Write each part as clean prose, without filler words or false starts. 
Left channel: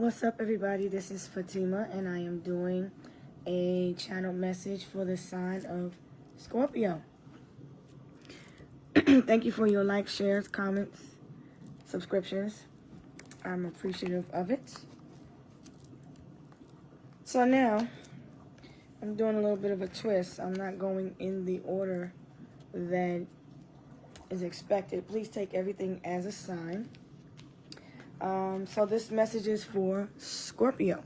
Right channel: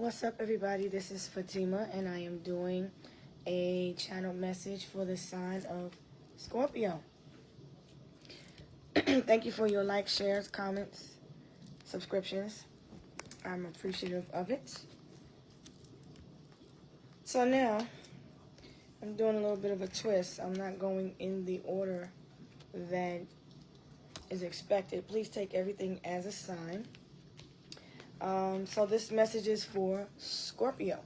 What's up, everybody? This is Fatima, and I am doing a channel message for the sign of Scorpio. Thank you for your likes, shares, comments, subscriptions. I'm appreciative of it. So now, I'm doing a little bit of a twist. I'm not going in the order that is expected. Please take everything as a sign. So this message is for Scorpio.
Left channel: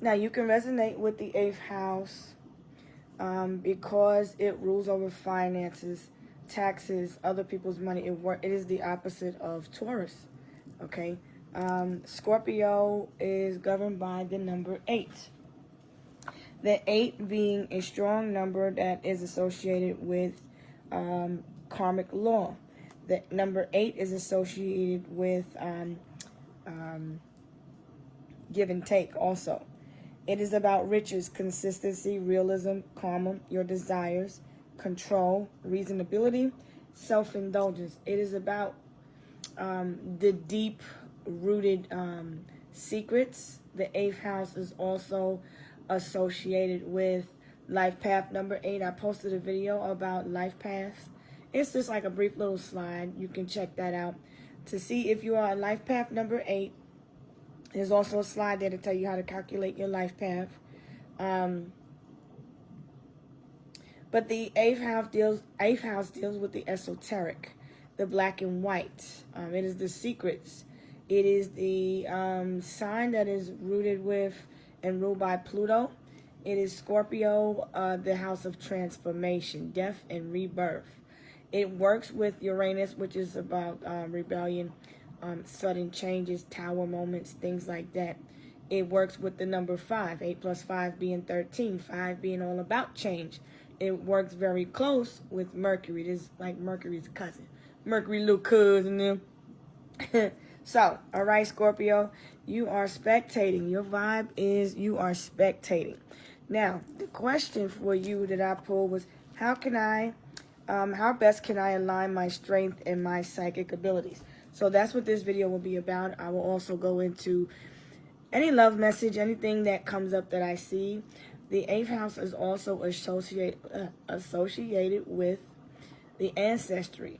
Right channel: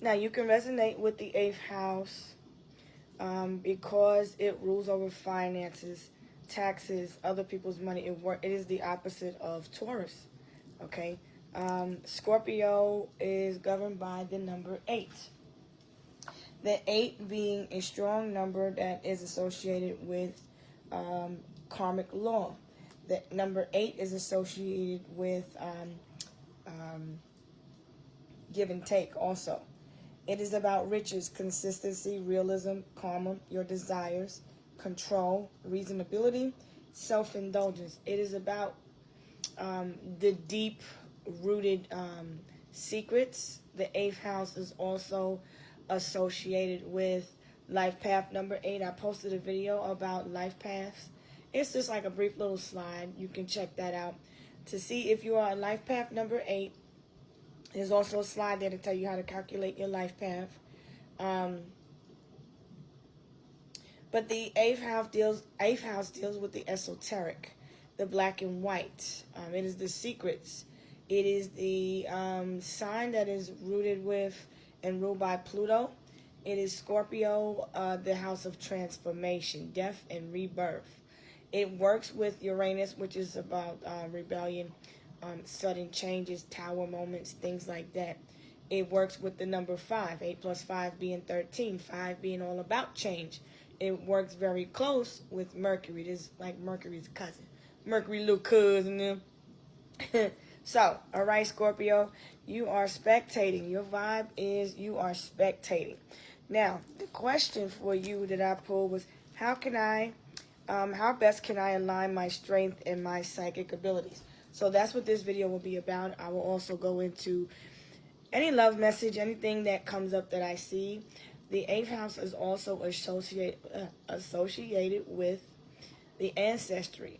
Now, you can resonate with the 8th house because it rules over finances, taxes, other people's money. It is the opposite of Taurus, okay? Scorpio is governed by the number 8. The 8 being a strong number that is associated with karmic law. The number 8 is associated with give and take also. It is about riches, consistency, realism, karma, your desires, control, reasonability, self-indulgence. It is about the deep-rooted secrets. The 8th house is also associated with life path number 8. I posted a video about life paths. It's just like a brief little slide. You can check that out to see if you are a life path number 8. There's also a slide there to tell you how to calculate your life path. But the 8th house deals with the esoteric, the black and white. It is the secrets. It is the sign that is rooted with and ruled by Pluto. It is Scorpio, the house of transformation, death, and rebirth. It works with Uranus, which is about rebellion, sudden changes, tower moments, things like that. It works with the number 5, 8 plus 5 being 13, 5 being all about change. It works very close with Mercury. It is like Mercury's cousin. Mercury little cousin them. So, all right, Scorpio, you are spectating. Your vibe is you are spectating. Now, the question for you that I pulled was, how best can I align my strength and my psychic abilities? So that's what this video will be about. I will also go into any love message, anything that comes up that I see. The 8th house is also associated with the ancestry.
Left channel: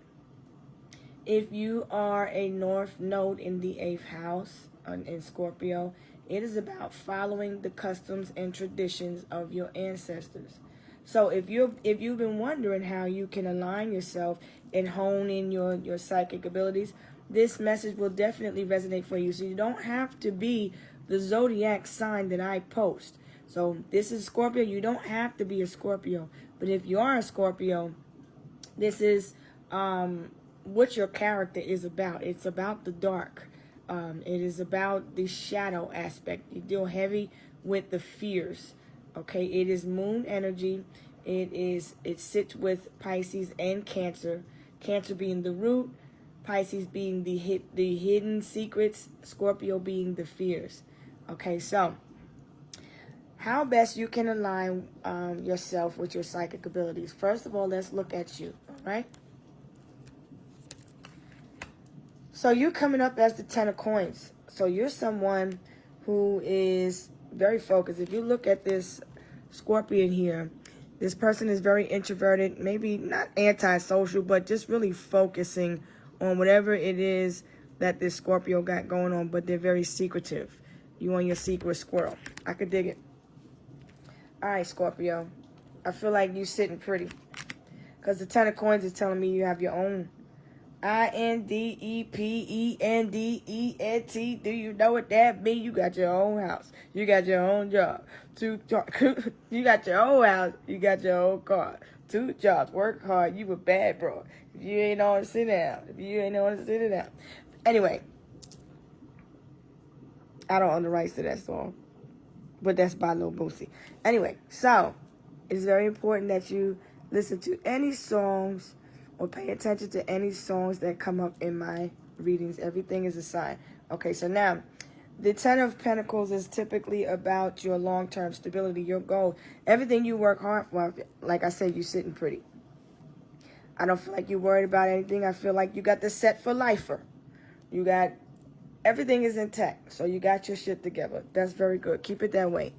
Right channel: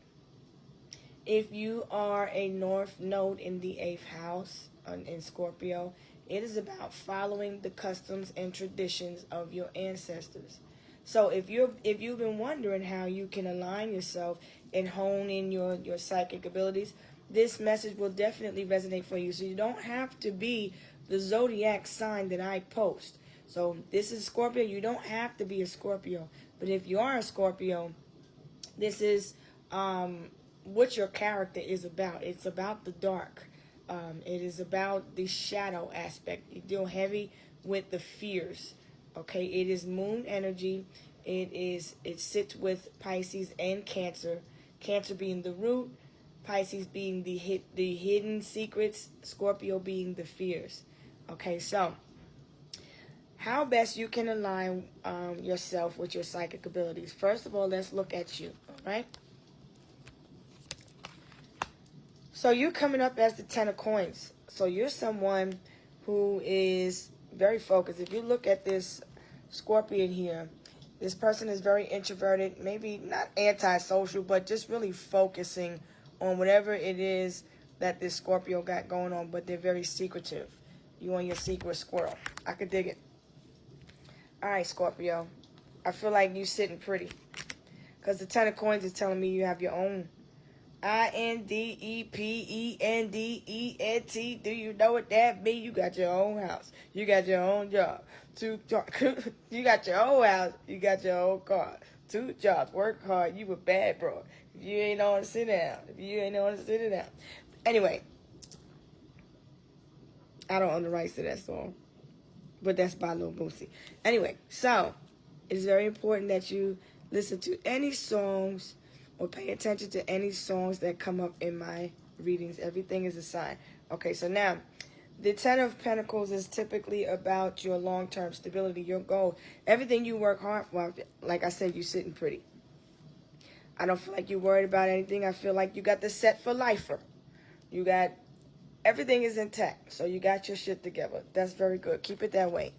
If you are a north node in the 8th house in Scorpio, it is about following the customs and traditions of your ancestors. So if you've been wondering how you can align yourself and hone in your psychic abilities, this message will definitely resonate for you. So you don't have to be the zodiac sign that I post. So this is Scorpio. You don't have to be a Scorpio. But if you are a Scorpio, this is what your character is about. It's about the dark. It is about the shadow aspect. You deal heavy with the fears. Okay, it is moon energy. It sits with Pisces and Cancer. Cancer being the root, Pisces being the hidden secrets, Scorpio being the fears. Okay, so how best you can align yourself with your psychic abilities. First of all, let's look at you. All right. So you're coming up as the 10 of coins. So you're someone who is very focused. If you look at this Scorpion here, this person is very introverted, maybe not antisocial, but just really focusing on whatever it is that this Scorpio got going on, but they're very secretive. You and your secret squirrel. I could dig it. All right, Scorpio. I feel like you sitting pretty. Because the 10 of coins is telling me you have your own INDEPENDENT. Do you know what that means? You got your own house. You got your own job. You got your own house. You got your own car. 2 jobs. Work hard. You a bad bro. If you ain't on, sit down. If you ain't on, sit down. Anyway, I don't own the rights to that song, but that's by Lil Boosie. Anyway, so it's very important that you listen to any songs or pay attention to any songs that come up in my readings. Everything is a sign. Okay, so now, the 10 of Pentacles is typically about your long-term stability, your goal. Everything you work hard for, like I said, you're sitting pretty. I don't feel like you're worried about anything. I feel like you got the set for lifer. You got everything is intact. So you got your shit together. That's very good. Keep it that way.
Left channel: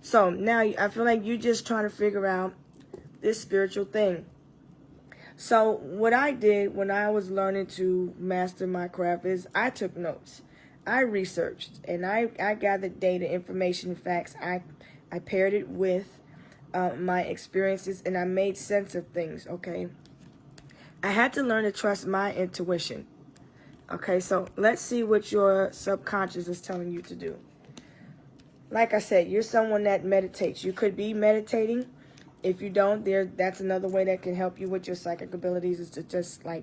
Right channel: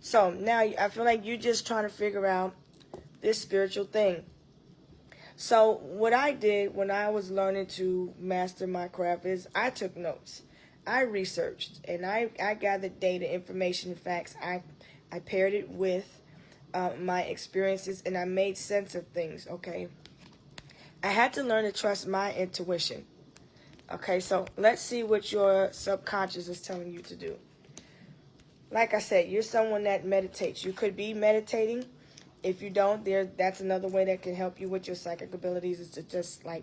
So now I feel like you're just trying to figure out this spiritual thing. So what I did when I was learning to master my craft is I took notes. I researched and I gathered data, information, facts. I paired it with my experiences and I made sense of things, okay? I had to learn to trust my intuition. Okay, so let's see what your subconscious is telling you to do. Like I said, you're someone that meditates. You could be meditating. If you don't, that's another way that can help you with your psychic abilities, is to just like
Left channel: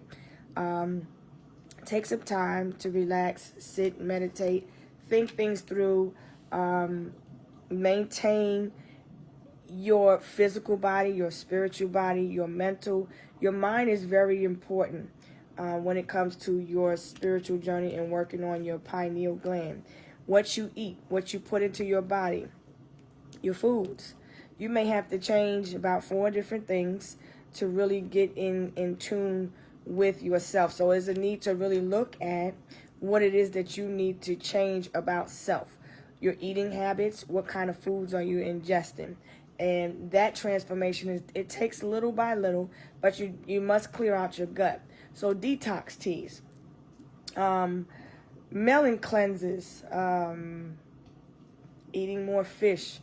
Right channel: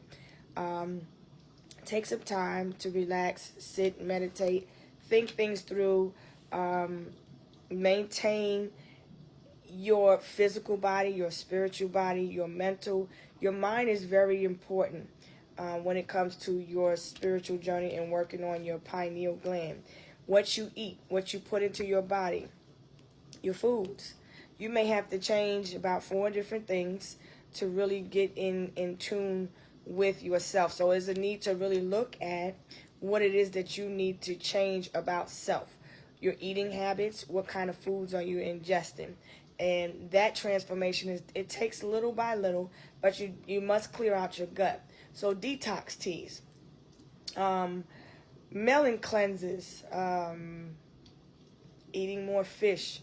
take some time to relax, sit, meditate, think things through, maintain your physical body, your spiritual body, your mental. Your mind is very important when it comes to your spiritual journey and working on your pineal gland. What you eat, what you put into your body, your foods. You may have to change about 4 different things to really get in tune with yourself. So there's a need to really look at what it is that you need to change about self. Your eating habits, what kind of foods are you ingesting? And that transformation, it takes little by little, but you must clear out your gut. So detox teas, melon cleanses, eating more fish,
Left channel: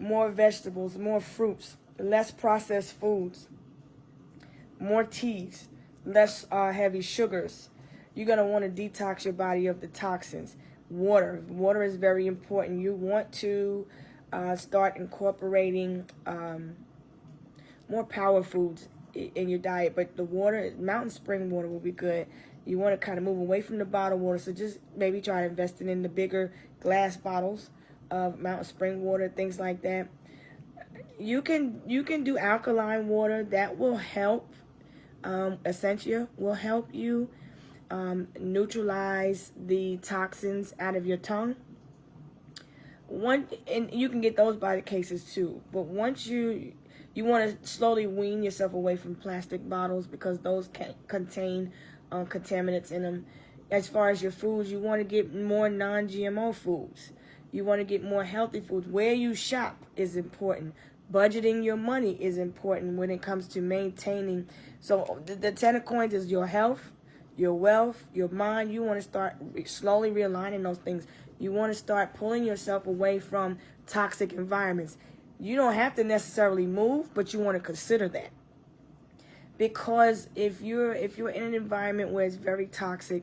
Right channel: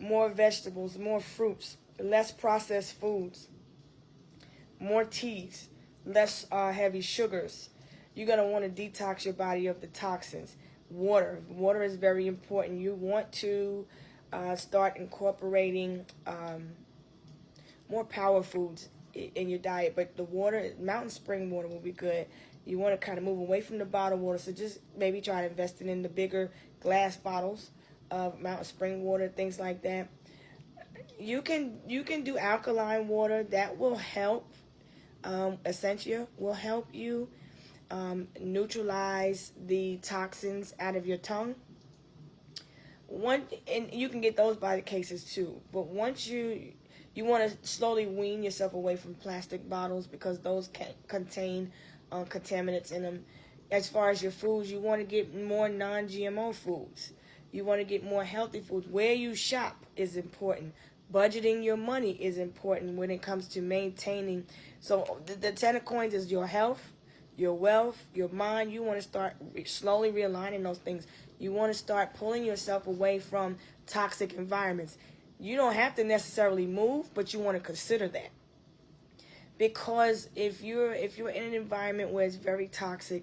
more vegetables, more fruits, less processed foods, more teas, less heavy sugars. You're going to want to detox your body of the toxins. Water is very important. You want to start incorporating more power foods in your diet, but the water, mountain spring water will be good. You want to kind of move away from the bottled water, so just maybe try investing in the bigger glass bottles of mountain spring water, things like that. You can do alkaline water. That will help. Essentia will help you neutralize the toxins out of your tongue. And you can get those by the cases too. But once you want to slowly wean yourself away from plastic bottles, because those can contain contaminants in them. As far as your foods, you want to get more non-GMO foods. You want to get more healthy foods. Where you shop is important. Budgeting your money is important when it comes to maintaining. So the 10 of coins is your health, your wealth, your mind. You want to start slowly realigning those things. You want to start pulling yourself away from toxic environments. You don't have to necessarily move, but you want to consider that. Because if you're in an environment where it's very toxic,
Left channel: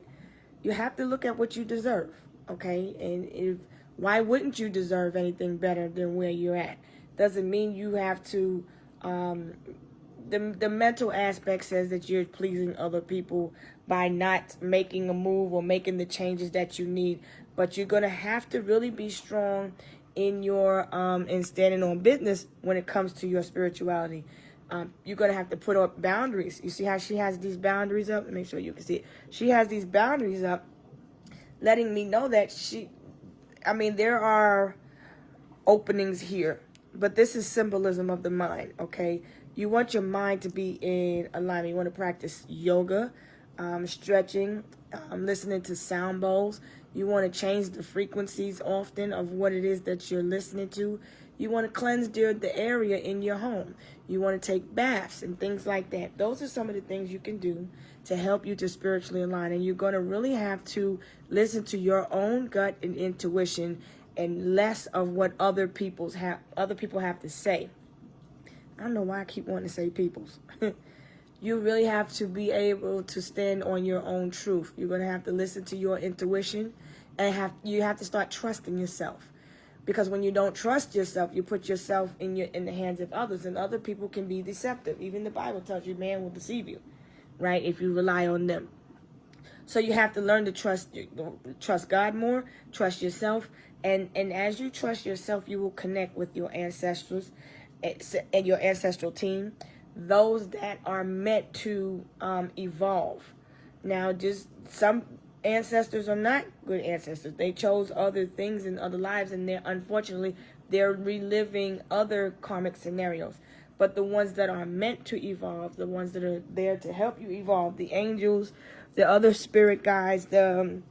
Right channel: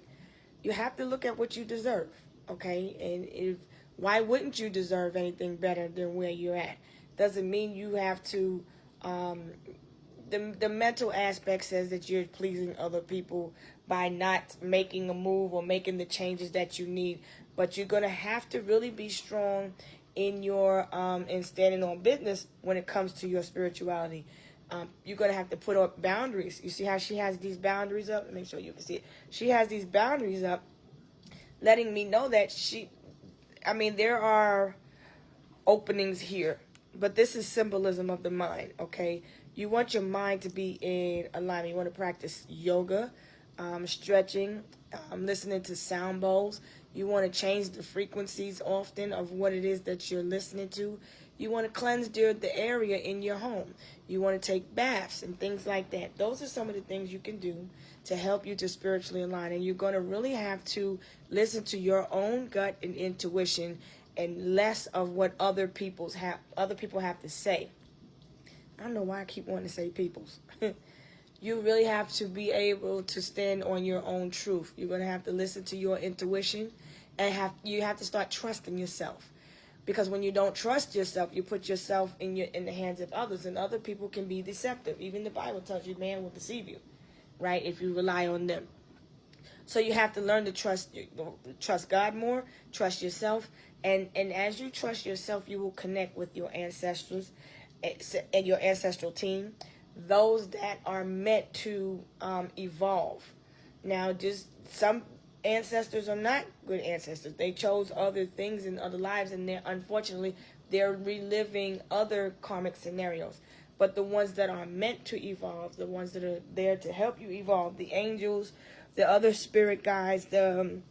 you have to look at what you deserve, okay? And why wouldn't you deserve anything better than where you're at? Doesn't mean you have to. The mental aspect says that you're pleasing other people by not making a move or making the changes that you need. But you're gonna have to really be strong in your in standing on business when it comes to your spirituality. You're gonna have to put up boundaries. You see how she has these boundaries up? Make sure you can see it. She has these boundaries up, letting me know that there are openings here, but this is symbolism of the mind, okay? You want your mind to be in alignment. You want to practice yoga, stretching, listening to sound bowls. You want to change the frequencies often of what it is that you're listening to. You want to cleanse the area in your home. You want to take baths and things like that. Those are some of the things you can do to help you to spiritually align. And you're going to really have to listen to your own gut and intuition, and less of what other people have to say. I don't know why I keep wanting to say people's. You really have to be able to stand on your own truth. You're going to have to listen to your intuition, and you have to start trusting yourself. Because when you don't trust yourself, you put yourself in the hands of others, and other people can be deceptive. Even the Bible tells you man will deceive you, right, if you rely on them. So you have to learn to trust God more, trust yourself, and as you trust yourself, you will connect with your ancestors and your ancestral team, those that are meant to evolve. Now, just some ancestors are not good ancestors. They chose other things in other lives, and unfortunately they're reliving other karmic scenarios. But the ones that are meant to evolve, the ones that are there to help you evolve, the angels, the other spirit guides, the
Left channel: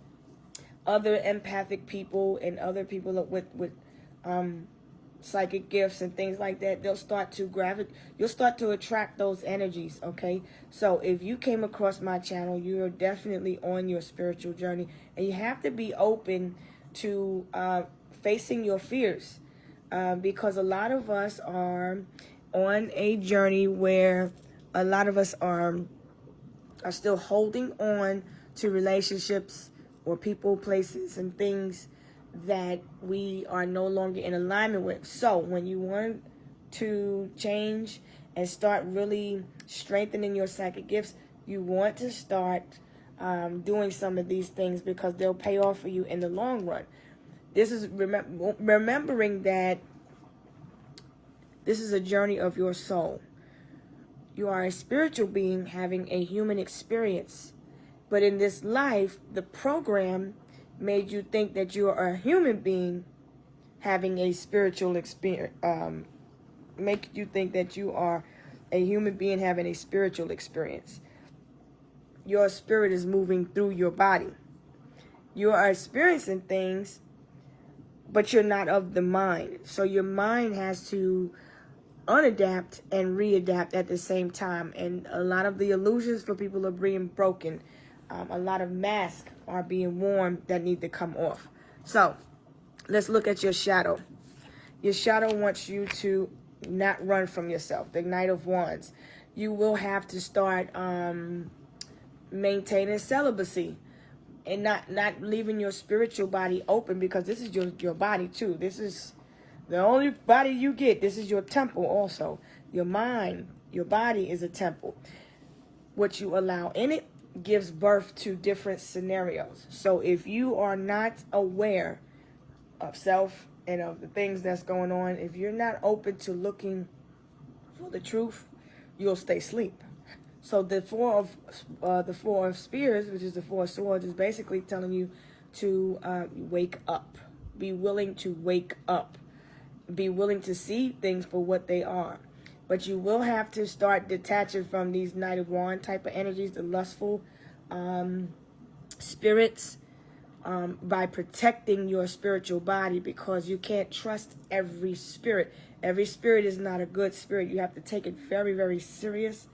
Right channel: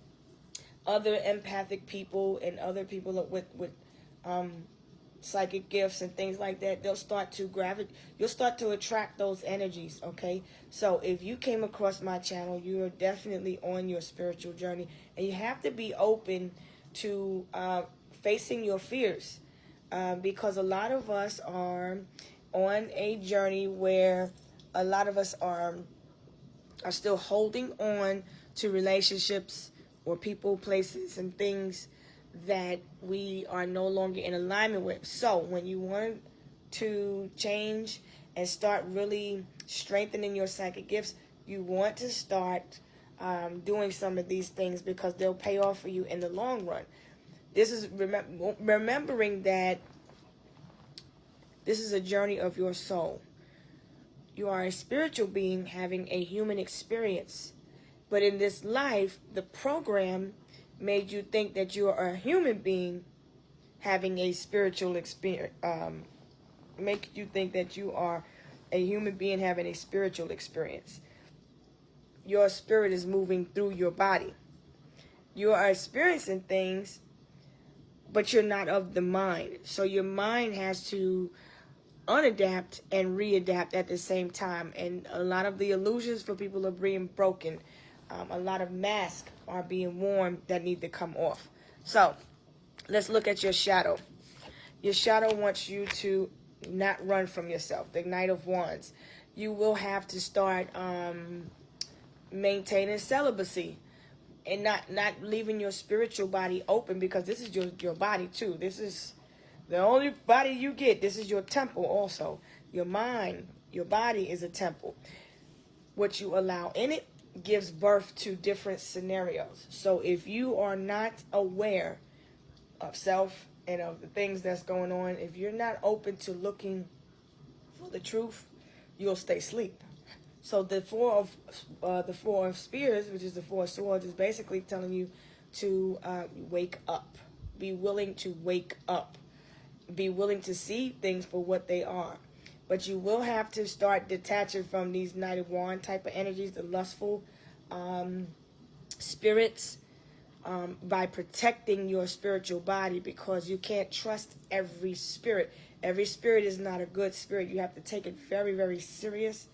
other empathic people and other people with psychic gifts and things like that, they'll start to you'll start to attract those energies, okay? So if you came across my channel, you are definitely on your spiritual journey, and you have to be open to facing your fears, because a lot of us are on a journey where a lot of us are still holding on to relationships or people, places, and things that we are no longer in alignment with. So when you want to change and start really strengthening your psychic gifts, you want to start doing some of these things, because they'll pay off for you in the long run. This is remembering that this is a journey of your soul. You are a spiritual being having a human experience. But in this life, the program made you think that you are a human being having a spiritual experience. Make you think that you are a human being having a spiritual experience. Your spirit is moving through your body. You are experiencing things, but you're not of the mind. So your mind has to unadapt and readapt at the same time. And a lot of the illusions for people are being broken. A lot of masks are being worn that need to come off. So let's look at your shadow. Your shadow wants you to not run from yourself. The Knight of Wands. You will have to start maintaining celibacy and not leaving your spiritual body open, because this is your body too. This is the only body you get. This is your temple also. Your mind, your body is a temple. What you allow in it gives birth to different scenarios. So if you are not aware of self and of the things that's going on, if you're not open to looking for the truth, you'll stay asleep. So the four of spears, which is the four of swords, is basically telling you to wake up. Be willing to wake up. Be willing to see things for what they are. But you will have to start detaching from these Knight of Wands type of energies, the lustful spirits, by protecting your spiritual body, because you can't trust every spirit. Every spirit is not a good spirit. You have to take it very, very serious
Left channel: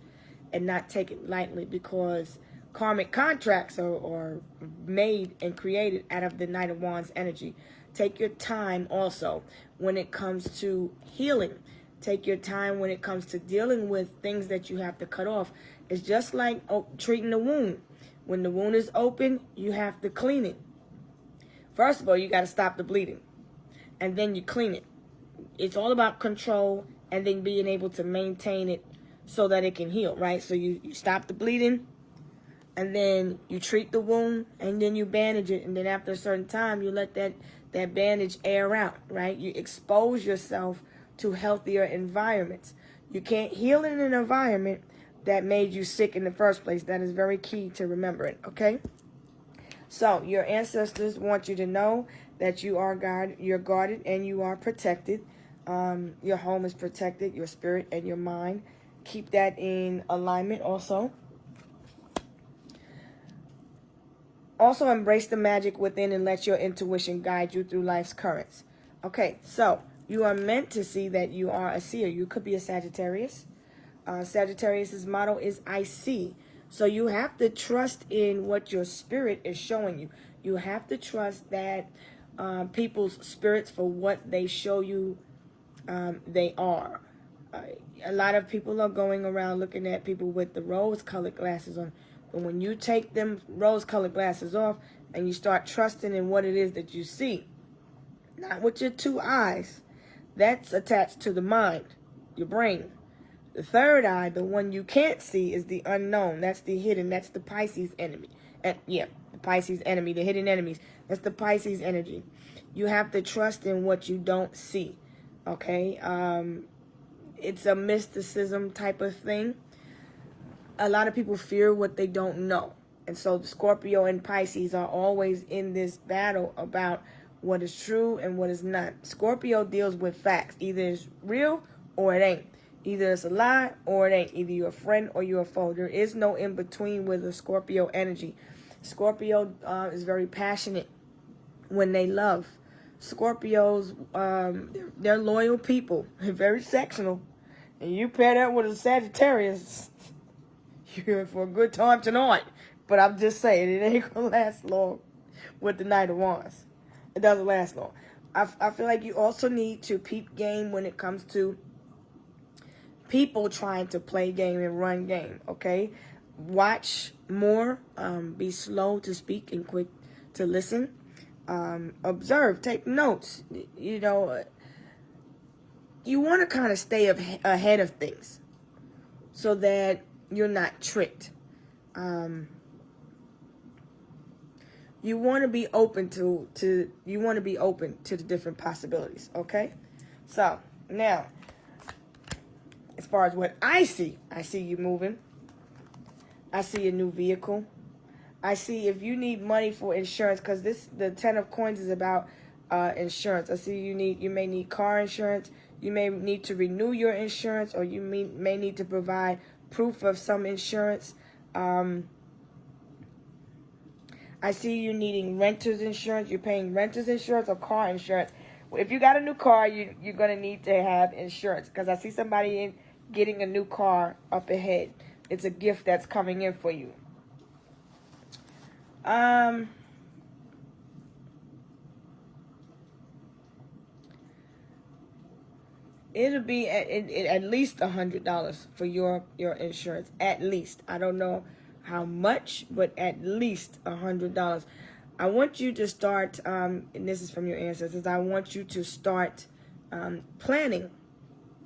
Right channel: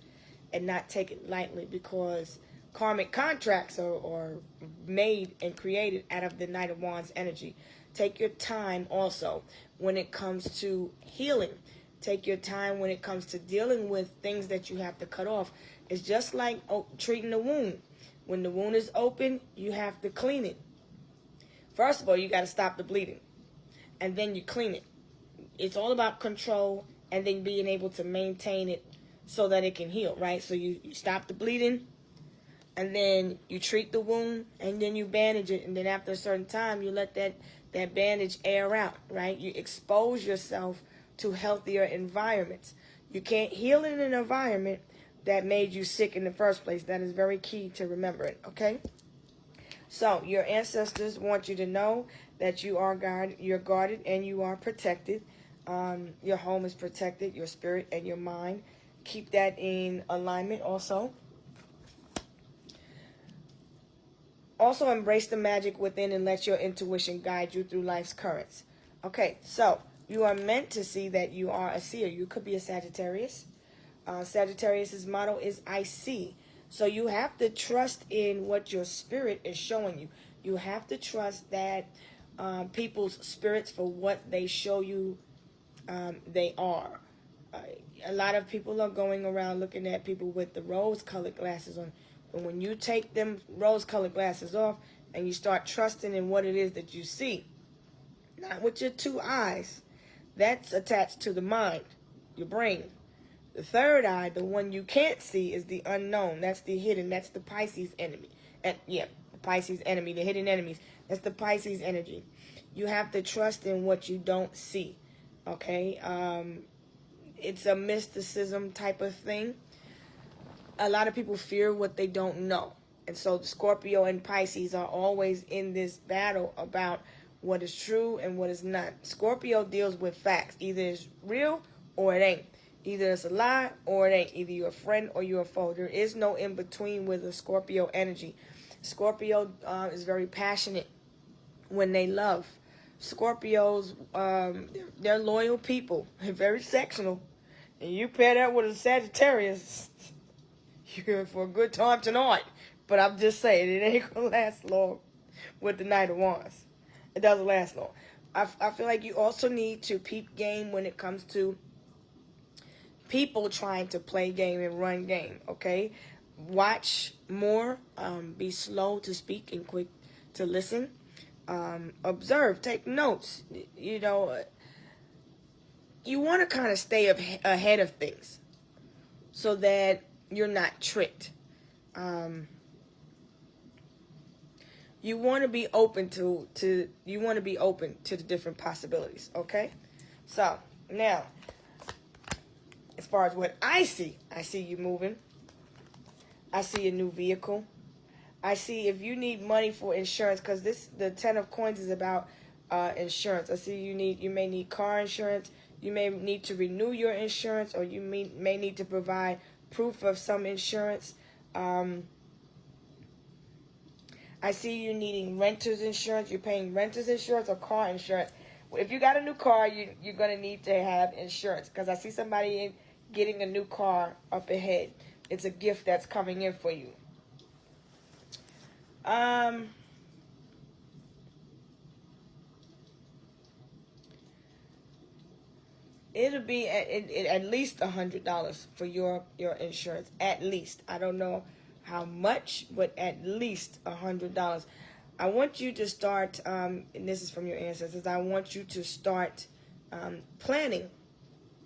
and not take it lightly, because karmic contracts are made and created out of the Knight of Wands energy. Take your time also when it comes to healing. Take your time when it comes to dealing with things that you have to cut off. It's just like treating a wound. When the wound is open, you have to clean it. First of all, you got to stop the bleeding, and then you clean it. It's all about control and then being able to maintain it so that it can heal, right? So you stop the bleeding, and then you treat the wound, and then you bandage it, and then after a certain time, you let that bandage air out, right? You expose yourself to healthier environments. You can't heal in an environment that made you sick in the first place. That is very key to remembering, okay? So your ancestors want you to know that you're guarded and you are protected. Your home is protected, your spirit and your mind. Keep that in alignment also. Also embrace the magic within and let your intuition guide you through life's currents. Okay, so you are meant to see that you are a seer. You could be a Sagittarius. Sagittarius's motto is I see. So you have to trust in what your spirit is showing you. You have to trust that people's spirits, for what they show you, they are. A lot of people are going around looking at people with the rose-colored glasses on. But when you take them rose-colored glasses off and you start trusting in what it is that you see, not with your two eyes, that's attached to the mind, your brain. The third eye, the one you can't see, is the unknown. That's the hidden. That's the Pisces enemy. The Pisces enemy, the hidden enemies. That's the Pisces energy. You have to trust in what you don't see, okay? It's a mysticism type of thing. A lot of people fear what they don't know. And so Scorpio and Pisces are always in this battle about what is true and what is not. Scorpio deals with facts. Either it's real or it ain't. Either it's a lie or it ain't. Either you're a friend or you're a foe. There is no in-between with the Scorpio energy. Scorpio is very passionate. when they love. Scorpios, they're loyal people. They're very sectional. And you pair that with a Sagittarius, you're in for a good time tonight. But I'm just saying, it ain't going to last long with the Knight of Wands. It doesn't last long. I feel like you also need to peep game when it comes to people trying to play game and run game, okay? Watch more. Be slow to speak and quick to listen. Observe. Take notes. You know, you want to kind of stay ahead of things so that you're not tricked. You want to be open to the different possibilities, okay? So, now, as far as what I see you moving. I see a new vehicle. I see if you need money for insurance, because the 10 of coins is about insurance. I see you may need car insurance. You may need to renew your insurance, or you may need to provide proof of some insurance. I see you needing renter's insurance. You're paying renter's insurance or car insurance. If you got a new car, you're going to need to have insurance, because I see somebody getting a new car up ahead. It's a gift that's coming in for you. It'll be at least $100 for your insurance. At least. I don't know how much, but at least $100. I want you to start, and this is from your ancestors, I want you to start planning.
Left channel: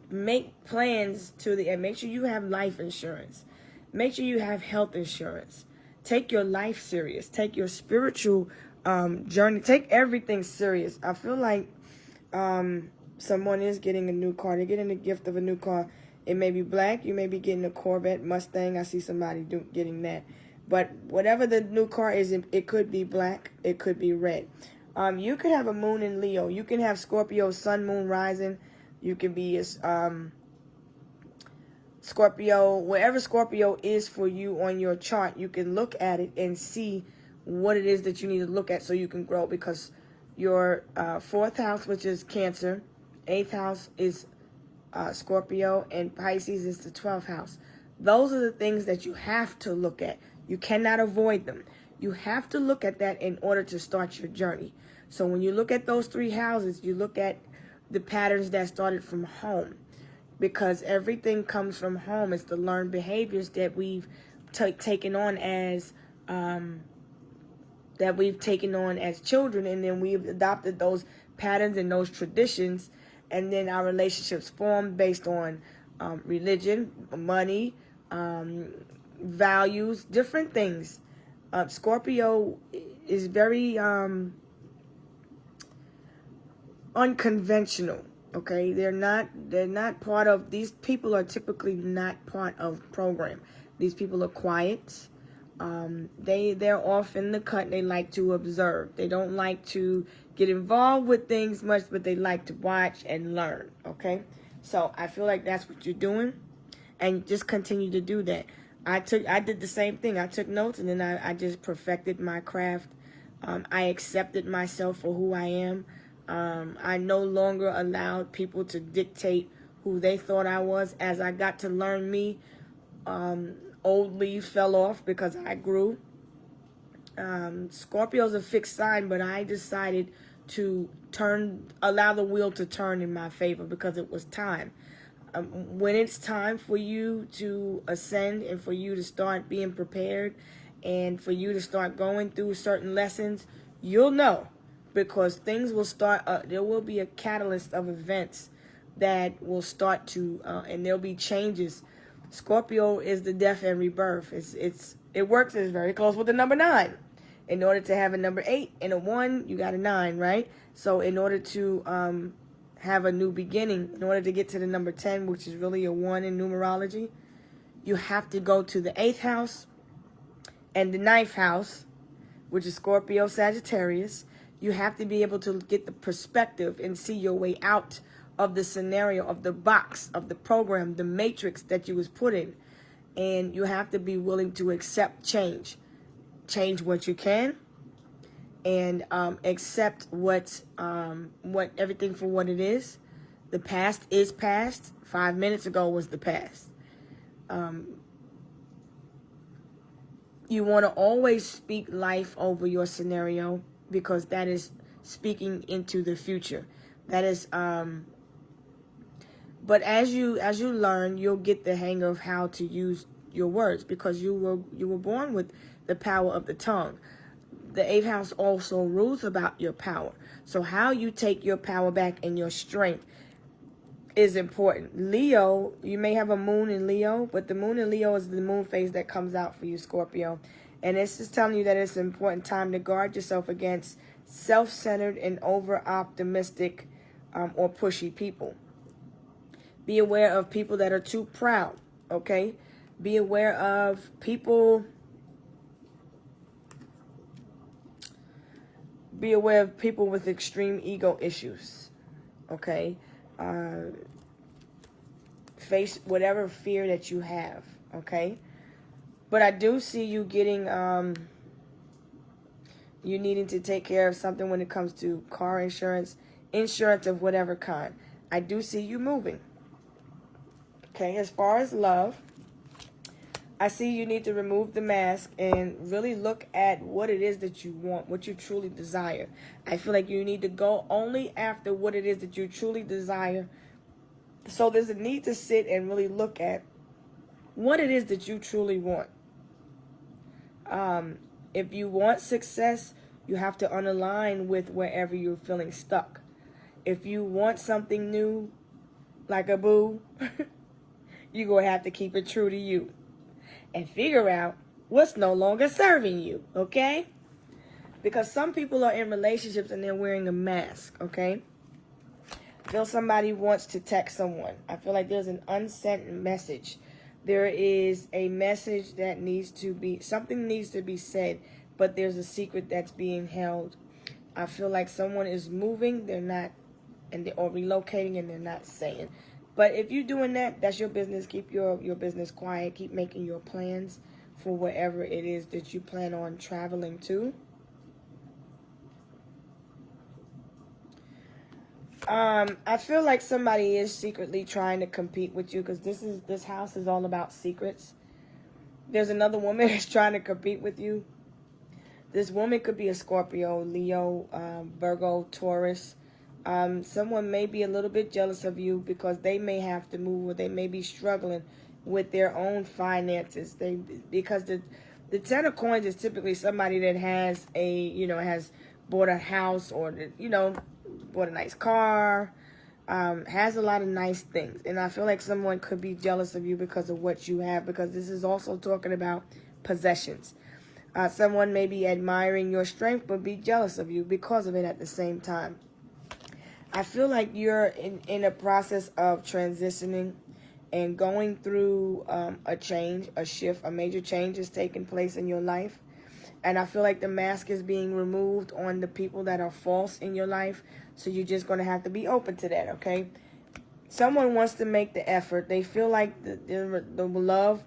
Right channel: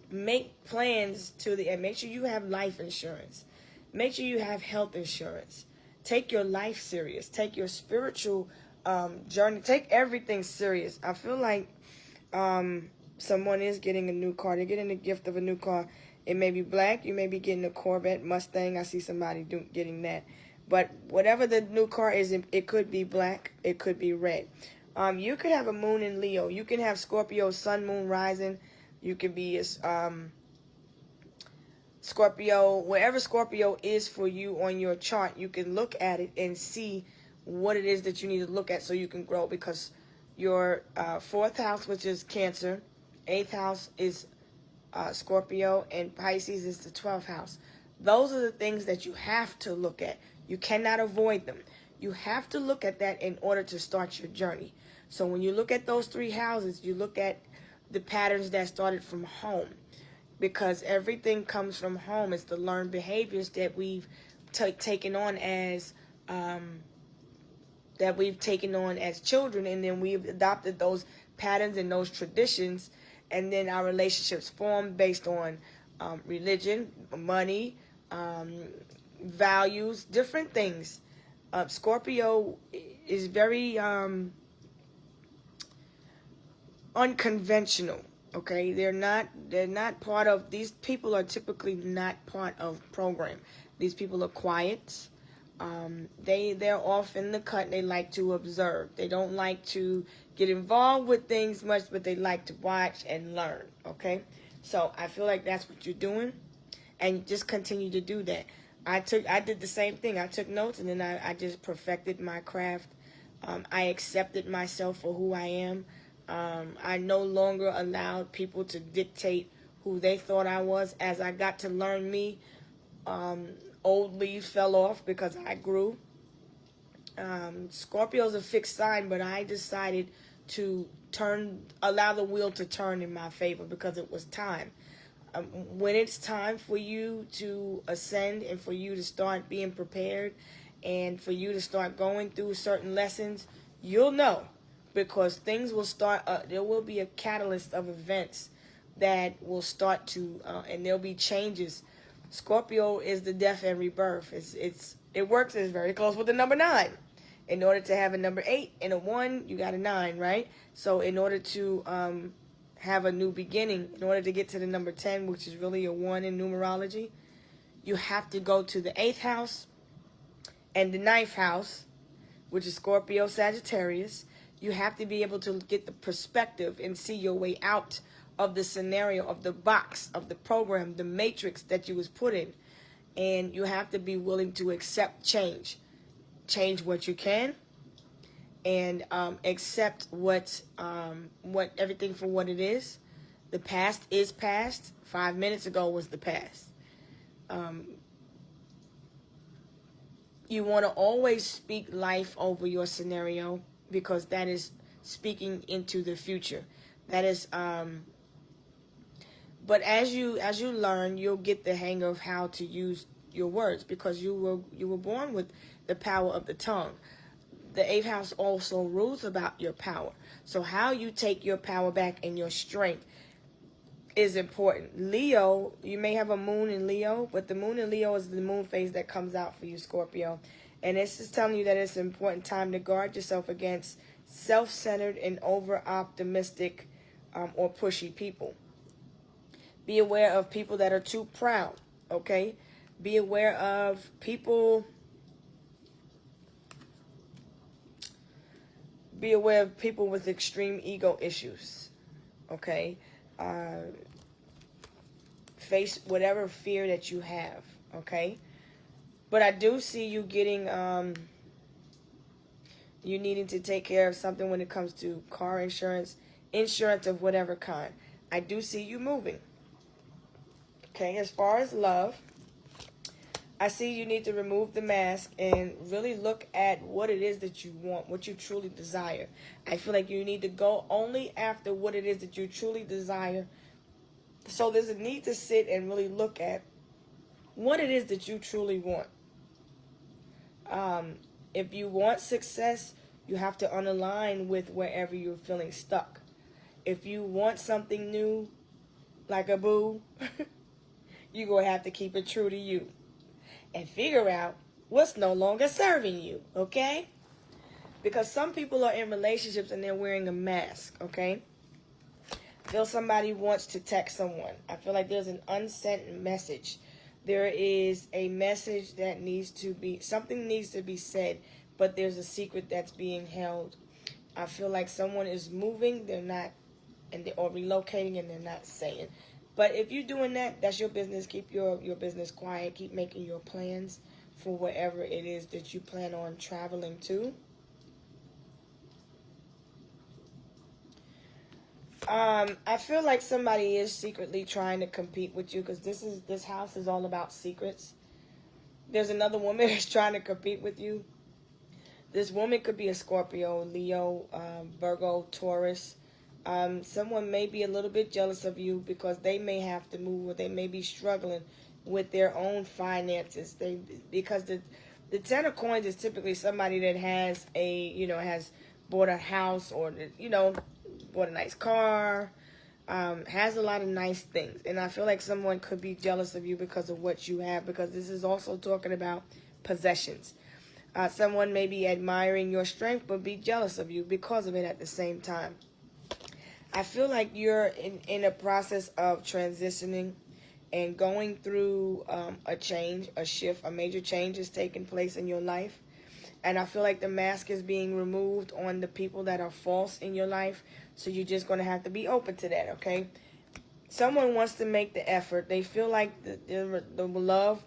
Make plans to the end. Make sure you have life insurance. Make sure you have health insurance. Take your life serious. Take your spiritual journey. Take everything serious. I feel like someone is getting a new car. They're getting the gift of a new car. It may be black. You may be getting a Corvette, Mustang. I see somebody getting that. But whatever the new car is, it could be black. It could be red. You could have a moon in Leo. You can have Scorpio, sun, moon, rising. You can be a Scorpio. Wherever Scorpio is for you on your chart, you can look at it and see what it is that you need to look at so you can grow. Because your 4th house, which is Cancer, 8th house is Scorpio, and Pisces is the 12th house. Those are the things that you have to look at. You cannot avoid them. You have to look at that in order to start your journey. So when you look at those 3 houses, you look at the patterns that started from home, because everything comes from home. It's the learned behaviors that we've taken on as children, and then we've adopted those patterns and those traditions, and then our relationships formed based on religion, money, values, different things. Scorpio is very unconventional. Okay, they're not part of, these people are typically not part of program. These people are quiet. They're off in the cut. They like to observe. They don't like to get involved with things much, but they like to watch and learn. Okay, so I feel like that's what you're doing, and just continue to do that. I did the same thing. I took notes, and then I just perfected my craft. I accepted myself for who I am. I no longer allowed people to dictate who they thought I was. As I got to learn me, old leaves fell off because I grew. Scorpio's a fixed sign, but I decided to allow the wheel to turn in my favor, because it was time. When it's time for you to ascend, and for you to start being prepared, and for you to start going through certain lessons, you'll know, because things will start. There will be a catalyst of events that will start to, and there'll be changes. Scorpio is the death and rebirth. It works. It's very close with the number 9. In order to have a number 8 and a 1, you got a 9, right? So in order to have a new beginning, in order to get to the number 10, which is really a 1 in numerology, you have to go to the 8th house and the 9th house, which is Scorpio, Sagittarius. You have to be able to get the perspective and see your way out of the scenario, of the box, of the program, the matrix that you was put in. And you have to be willing to accept change. Change what you can, and accept what everything for what it is. The past is past. 5 minutes ago was the past. You want to always speak life over your scenario, because that is speaking into the future. That is, but as you learn, you'll get the hang of how to use your words, because you were born with the power of the tongue. The 8th house also rules about your power. So how you take your power back and your strength is important. Leo, you may have a moon in Leo, but the moon in Leo is the moon phase that comes out for you, Scorpio. And it's just telling you that it's an important time to guard yourself against self-centered and over-optimistic or pushy people. Be aware of people that are too proud, okay? Be aware of people... Be aware of people with extreme ego issues, okay? Face whatever fear that you have, okay? But I do see you getting, you needing to take care of something when it comes to car insurance, insurance of whatever kind. I do see you moving, okay? As far as love, I see you need to remove the mask and really look at what it is that you want, what you truly desire. I feel like you need to go only after what it is that you truly desire. So there's a need to sit and really look at what it is that you truly want. If you want success, you have to unalign with wherever you're feeling stuck. If you want something new, like a boo, you're going to have to keep it true to you and figure out what's no longer serving you, okay? Because some people are in relationships and they're wearing a mask, okay? I feel somebody wants to text someone. I feel like there's an unsent message. There is a message that needs to be, something needs to be said, but there's a secret that's being held. I feel like someone is moving, they're not, or relocating, and they're not saying. But if you're doing that, that's your business. Keep your business quiet. Keep making your plans for wherever it is that you plan on traveling to. I feel like somebody is secretly trying to compete with you, because this house is all about secrets. There's another woman that's trying to compete with you. This woman could be a Scorpio, Leo, Virgo, Taurus. Someone may be a little bit jealous of you because they may have to move, or they may be struggling with their own finances. Because the 10 of coins is typically somebody that has has bought a house, or bought a nice car, has a lot of nice things. And I feel like someone could be jealous of you because of what you have, because this is also talking about possessions. Someone may be admiring your strength but be jealous of you because of it at the same time. I feel like you're in a process of transitioning and going through a change, a shift, a major change is taking place in your life. And I feel like the mask is being removed on the people that are false in your life. So you're just going to have to be open to that, okay? Someone wants to make the effort. They feel like the love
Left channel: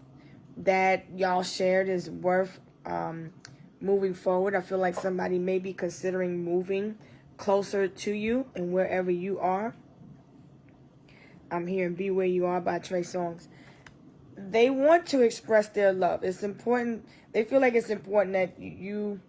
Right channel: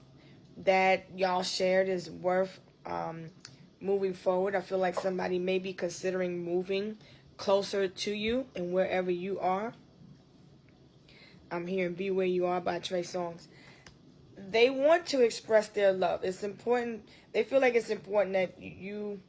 that y'all shared is worth moving forward. I feel like somebody may be considering moving closer to you and wherever you are. I'm hearing Be Where You Are by Trey Songz. They want to express their love. It's important. They feel like it's important that you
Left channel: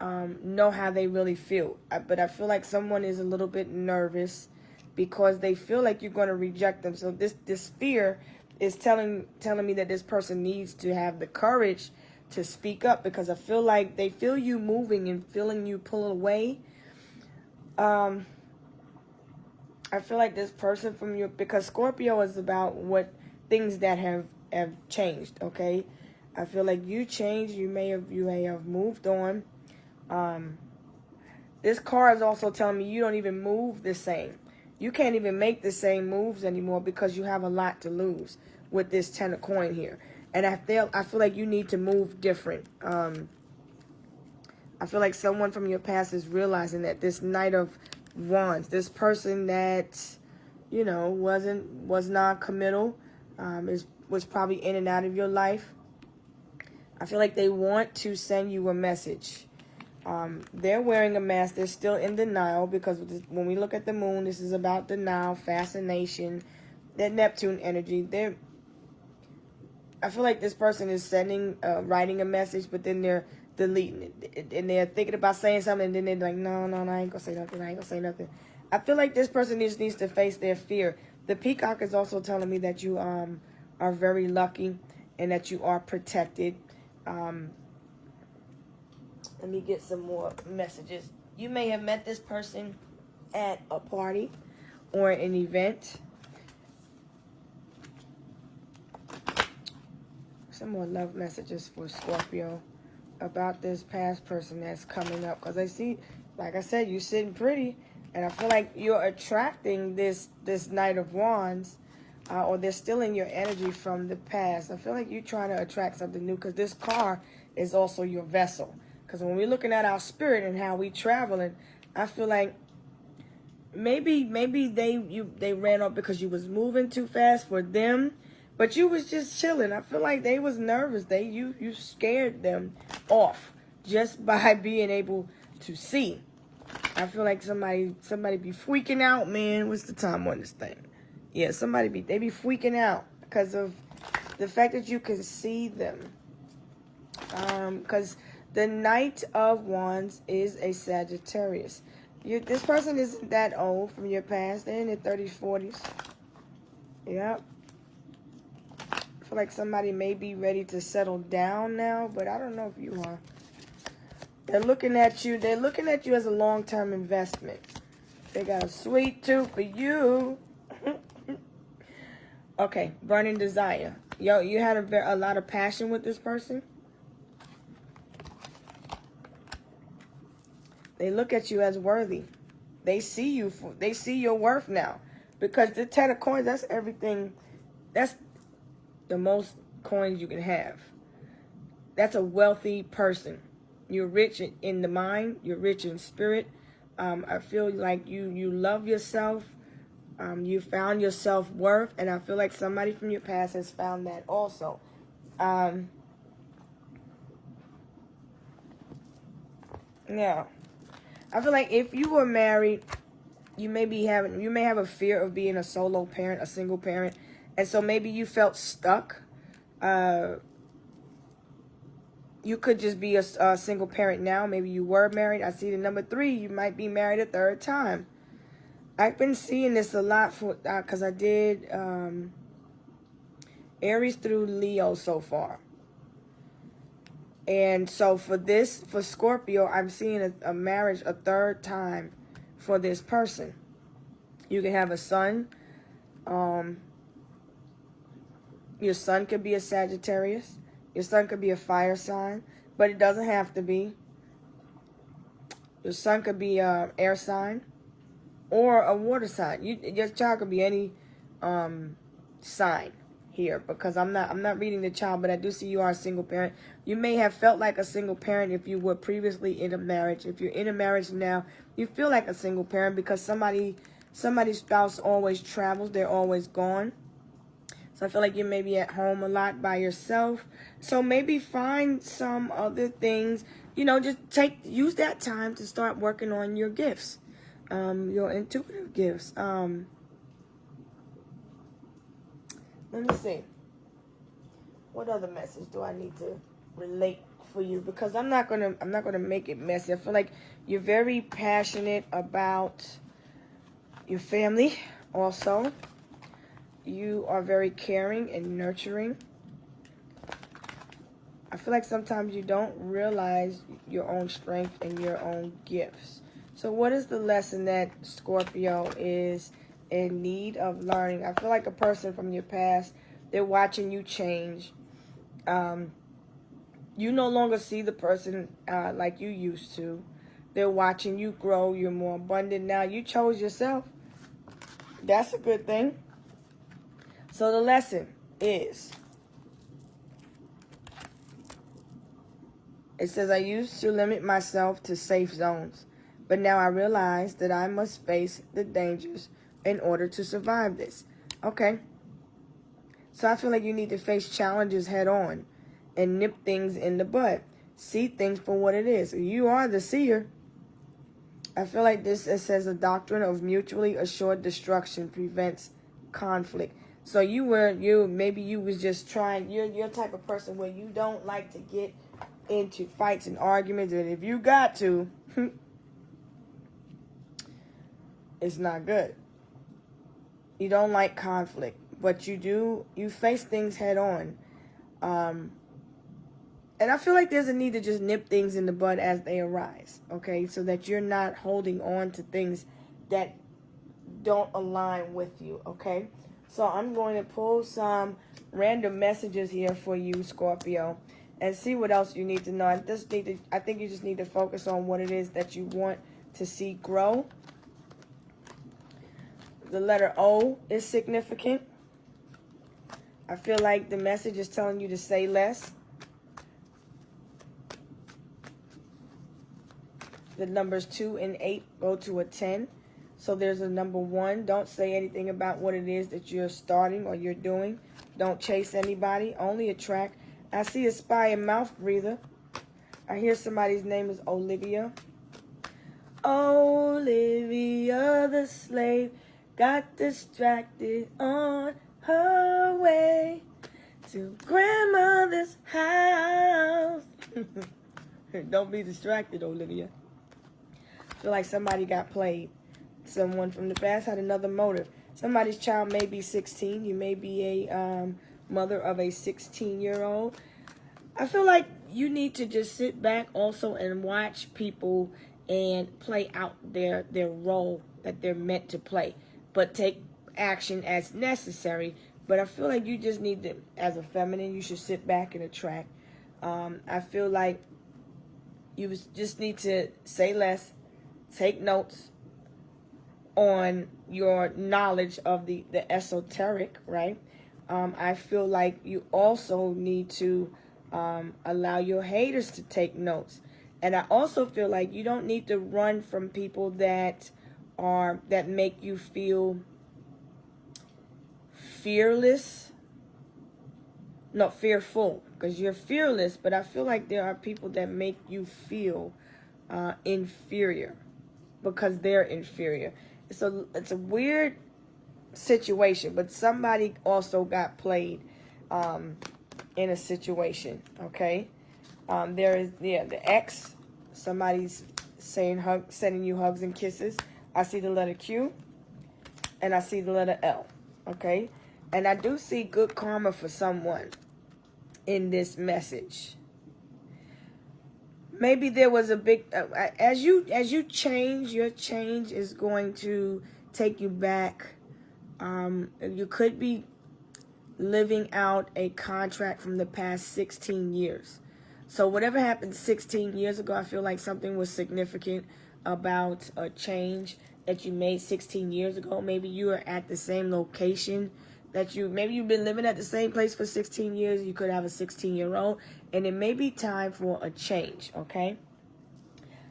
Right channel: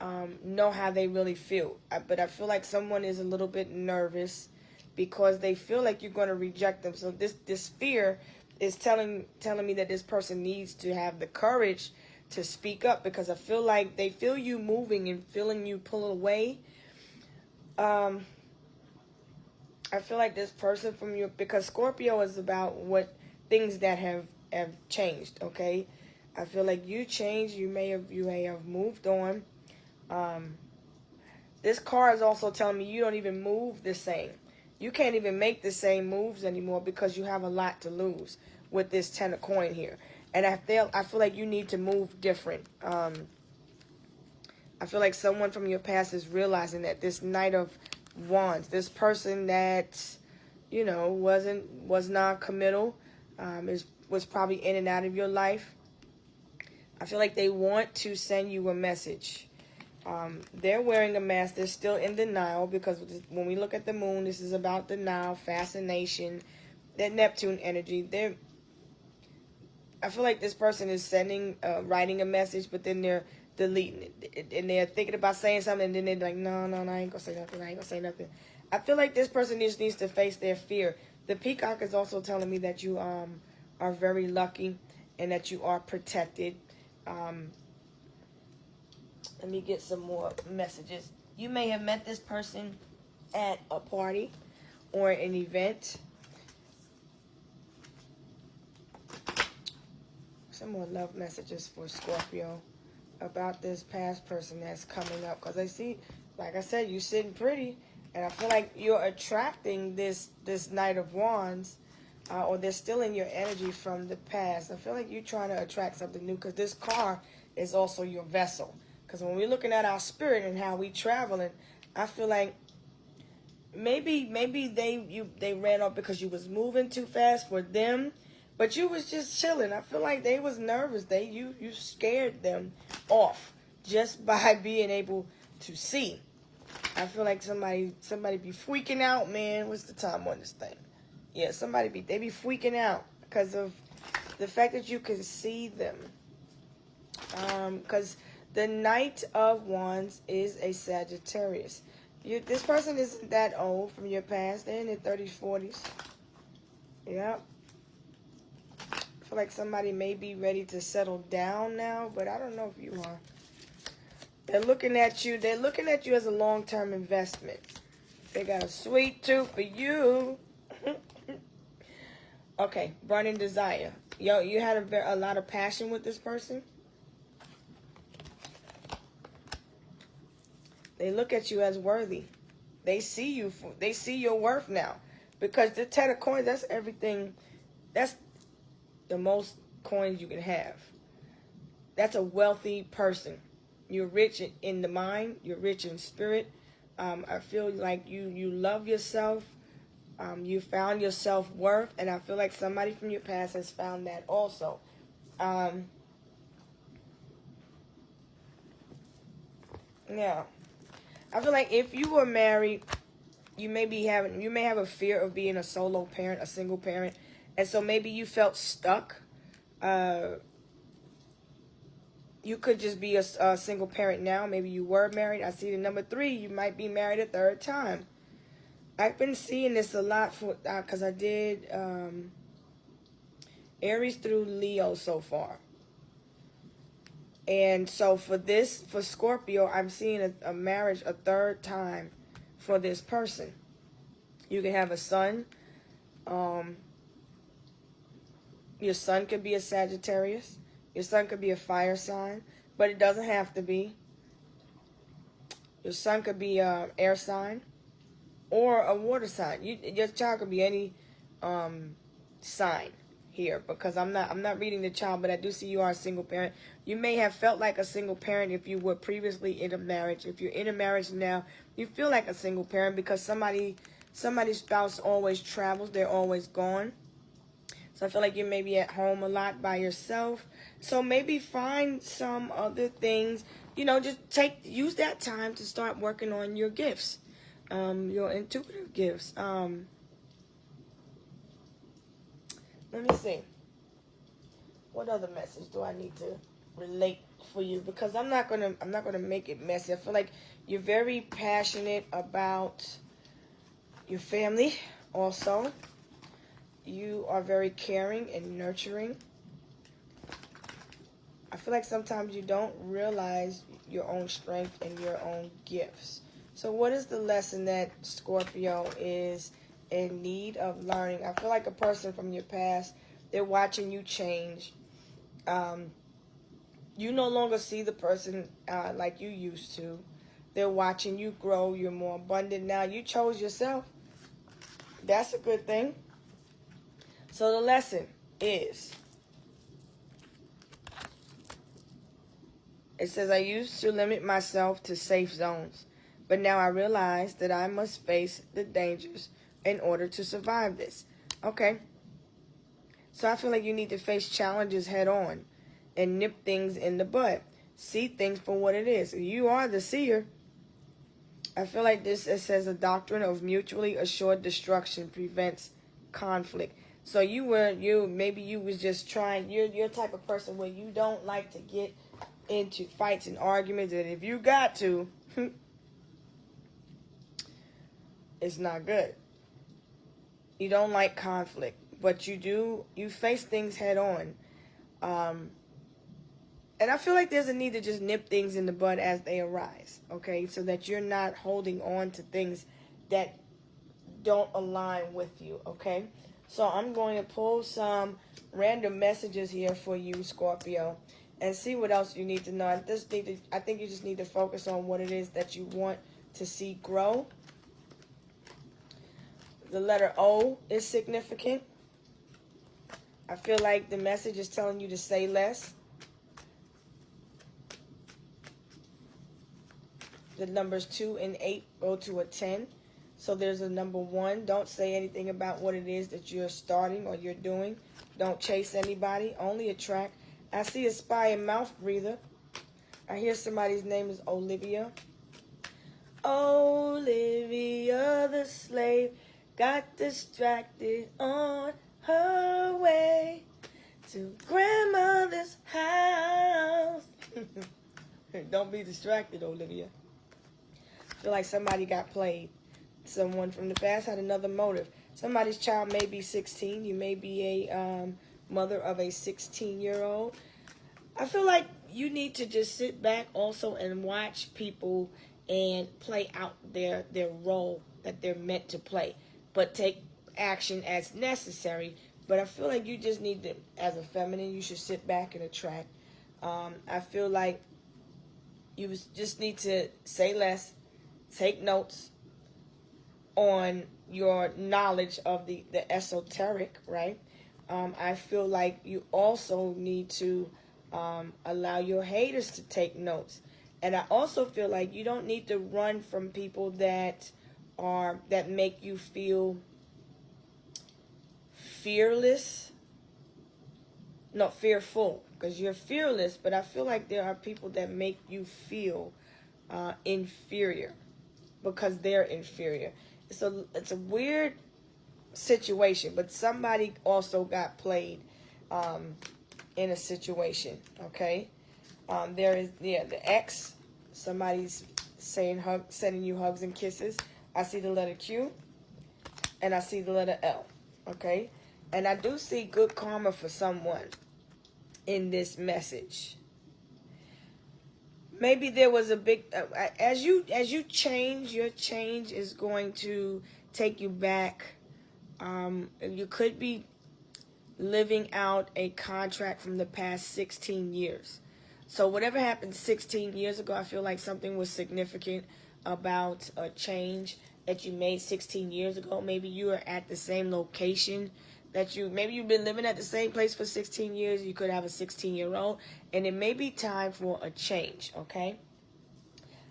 know how they really feel. But I feel like someone is a little bit nervous because they feel like you're going to reject them. So this fear is telling me that this person needs to have the courage to speak up, because I feel like they feel you moving and feeling you pulling away. I feel like this person from you, because Scorpio is about what things that have changed, okay? I feel like you changed. You may have moved on. This card is also telling me you don't even move the same. You can't even make the same moves anymore because you have a lot to lose with this 10 of coin here. And I feel like you need to move different. I feel like someone from your past is realizing that this Knight of Wands, this person that, was non-committal, was probably in and out of your life. I feel like they want to send you a message. They're wearing a mask. They're still in denial because when we look at the moon, this is about denial, fascination, that Neptune energy. I feel like this person is writing a message, but then they're deleting it. And they're thinking about saying something, and then they're like, no, I ain't gonna say nothing. I ain't gonna say nothing. I feel like this person just needs to face their fear. The peacock is also telling me that you are very lucky and that you are protected. Let me get some more messages. You may have met this person at a party or an event. Some more love messages for Scorpio about this past person that's coming up. Because I see, like I said, you're sitting pretty. And I feel like you're attracting this Knight of Wands. Or they're stealing your energy from the past. I feel like you're trying to attract something new. Because this car is also your vessel. Because when we're looking at our spirit and how we traveling, I feel like maybe they ran off because you was moving too fast for them, but you was just chilling. I feel like they was nervous. You scared them off just by being able to see. I feel like somebody be freaking out, man. What's the time on this thing? Yeah, they be freaking out because of the fact that you can see them. Because the Knight of Wands is a Sagittarius. This person isn't that old from your past. They're in their 30s, 40s. Yep. I feel like somebody may be ready to settle down now, but I don't know if you are. They're looking at you. They're looking at you as a long-term investment. They got a sweet tooth for you. Okay, burning desire. Yo, you had a lot of passion with this person. They look at you as worthy. They see you. They see your worth now. Because the 10 of coins, that's everything. That's the most coins you can have. That's a wealthy person. You're rich in the mind. You're rich in spirit. I feel like you love yourself. You found your self-worth. And I feel like somebody from your past has found that also. Now, I feel like if you were married, you may have a fear of being a solo parent, a single parent, and so maybe you felt stuck. You could just be a single parent now. Maybe you were married. I see the number 3. You might be married a 3rd time. I've been seeing this a lot because I did Aries through Leo so far. And so for Scorpio, I'm seeing a marriage a 3rd time for this person. You can have a son. Your son could be a Sagittarius. Your son could be a fire sign, but it doesn't have to be. Your son could be an air sign or a water sign. Your child could be any sign here, because I'm not reading the child, but I do see you are a single parent. You may have felt like a single parent if you were previously in a marriage. If you're in a marriage now, you feel like a single parent because somebody's spouse always travels. They're always gone. So I feel like you may be at home a lot by yourself. So maybe find some other things. Just use that time to start working on your gifts, your intuitive gifts. Let me see. What other message do I need to relate for you? Because I'm not gonna make it messy. I feel like you're very passionate about your family. Also, you are very caring and nurturing. I feel like sometimes you don't realize your own strength and your own gifts. So what is the lesson that Scorpio is in need of learning? I feel like a person from your past, they're watching you change. You no longer see the person like you used to. They're watching you grow. You're more abundant now. You chose yourself. That's a good thing. So the lesson is, it says, I used to limit myself to safe zones, but now I realize that I must face the dangers in order to survive this. Okay. So I feel like you need to face challenges head on and nip things in the bud. see things for what it is. You are the seer. I feel like this, it says a doctrine of mutually assured destruction prevents conflict. So maybe you was just trying, you're type of person where you don't like to get into fights and arguments, and if you got to, it's not good. You don't like conflict, but you face things head on. And I feel like there's a need to just nip things in the bud as they arise, okay? So that you're not holding on to things that don't align with you, okay? So I'm going to pull some random messages here for you, Scorpio, and see what else you need to know. I think you just need to focus on what it is that you want to see grow. The letter O is significant. I feel like the message is telling you to say less. The numbers 2 and 8 go to a 10. So there's a number 1. Don't say anything about what it is that you're starting or you're doing. Don't chase anybody. Only attract. I see the spy and mouth breather. I hear somebody's name is Olivia. Olivia the slave got distracted on her way to grandmother's house. Don't be distracted, Olivia. I feel like somebody got played. Someone from the past had another motive. Somebody's child may be 16. You may be a mother of a 16-year-old. I feel like you need to just sit back also and watch people and play out their role that they're meant to play. But take action as necessary. But I feel like you just need to, as a feminine, you should sit back and attract. I feel like you just need to say less. Take notes on your knowledge of the esoteric, right? I feel like you also need to allow your haters to take notes. And I also feel like you don't need to run from people that make you feel fearless. No, fearful, because you're fearless, but I feel like there are people that make you feel inferior because they're inferior. It's a weird situation, but somebody also got played in a situation, okay? There is, the X, somebody's sending you hugs and kisses. I see the letter Q, and I see the letter L, okay? And I do see good karma for someone in this message. Maybe there was a big, as you change, your change is going to take you back. You could be living out a contract from the past 16 years. So whatever happened 16 years ago, I feel like something was significant about a change that you made 16 years ago. Maybe you were at the same location maybe you've been living at the same place for 16 years. You could have a 16-year-old, and it may be time for a change, okay?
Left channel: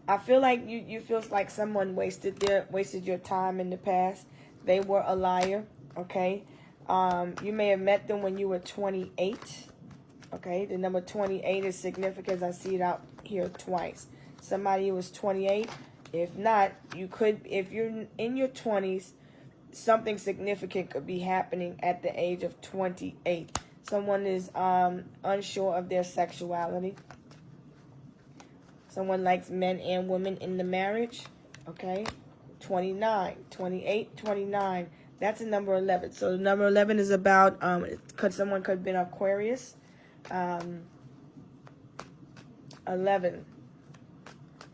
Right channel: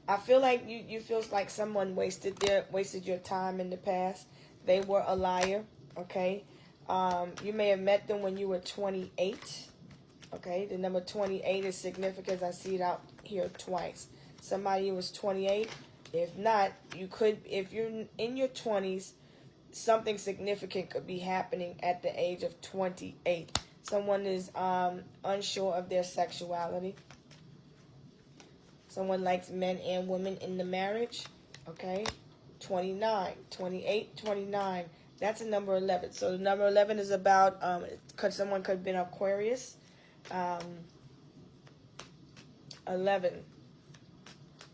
I feel like you feel like someone wasted your time in the past. They were a liar, okay? You may have met them when you were 28, okay? The number 28 is significant. I see it out here twice. Somebody was 28. If not, if you're in your 20s, something significant could be happening at the age of 28. Someone is unsure of their sexuality. Someone likes men and women in the marriage. Okay. 29, 28, 29. That's a number 11. So the number 11 is about, someone could have been Aquarius. 11.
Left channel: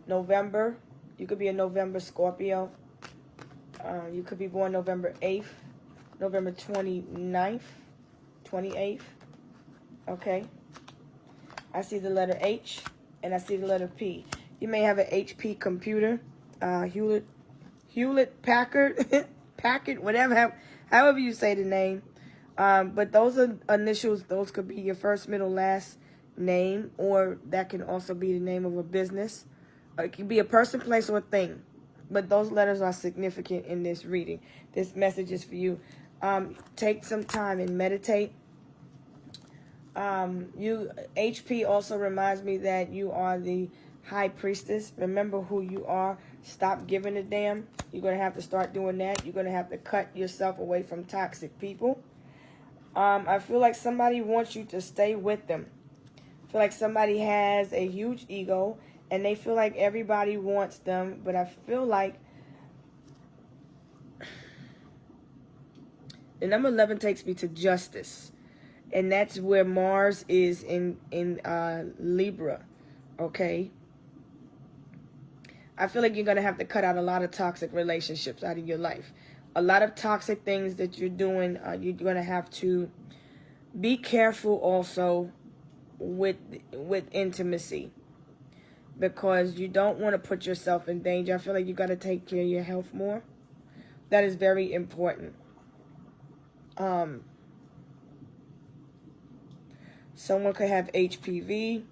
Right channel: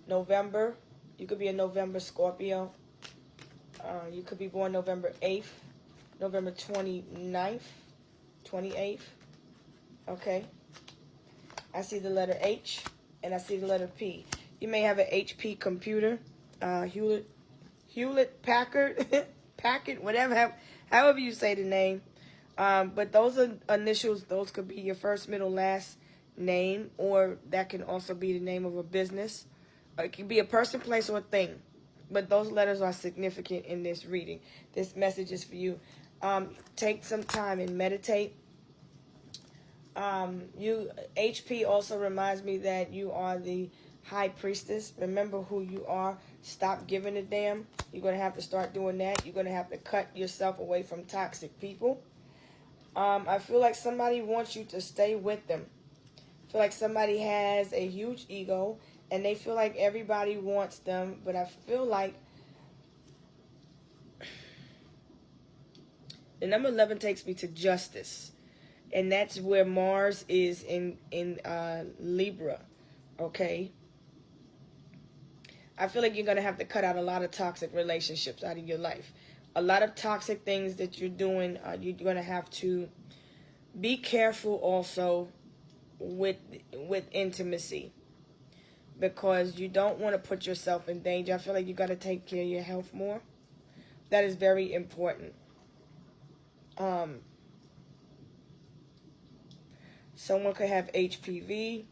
November. You could be a November Scorpio. You could be born November 8th, November 29th, 28th. Okay. I see the letter H, and I see the letter P. You may have an HP computer, Hewlett Packard, whatever, however you say the name. But those are initials. Those could be your first, middle, last name, or that can also be the name of a business. It can be a person, place, or thing. But those letters are significant in this reading. This message is for you. Take some time and meditate HP also reminds me that you are the high priestess. Remember who you are. Stop giving a damn. You're going to have to start doing that. You're going to have to cut yourself away from toxic people. I feel like somebody wants you to stay with them. I feel like somebody has a huge ego and they feel like everybody wants them, but I feel like the number 11 takes me to justice. And that's where Mars is in Libra, okay? I feel like you're going to have to cut out a lot of toxic relationships out of your life. A lot of toxic things that you're doing, you're going to have to be careful also with intimacy. Because you don't want to put yourself in danger. I feel like you got to take care of your health more. That is very important. Someone could have HPV,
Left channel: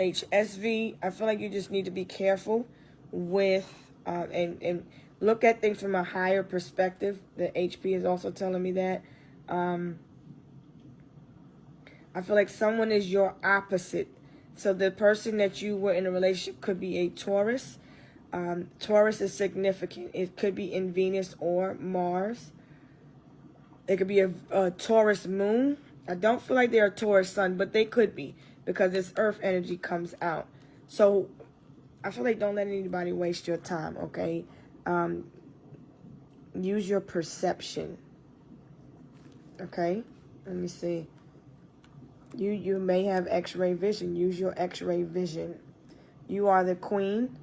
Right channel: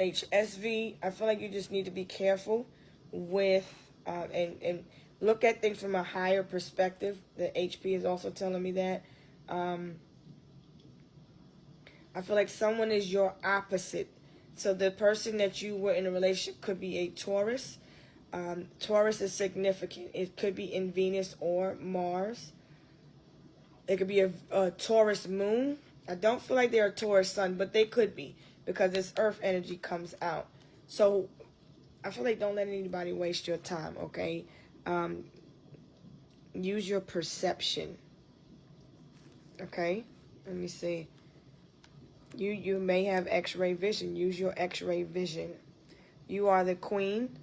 HSV. I feel like you just need to be careful with and look at things from a higher perspective. The HP is also telling me that. I feel like someone is your opposite. So the person that you were in a relationship could be a Taurus. Taurus is significant. It could be in Venus or Mars. It could be a Taurus moon. I don't feel like they're a Taurus sun, but they could be because this earth energy comes out. So I feel like don't let anybody waste your time, okay? Use your perception, okay? Let me see. You may have X-ray vision. Use your X-ray vision. You are the queen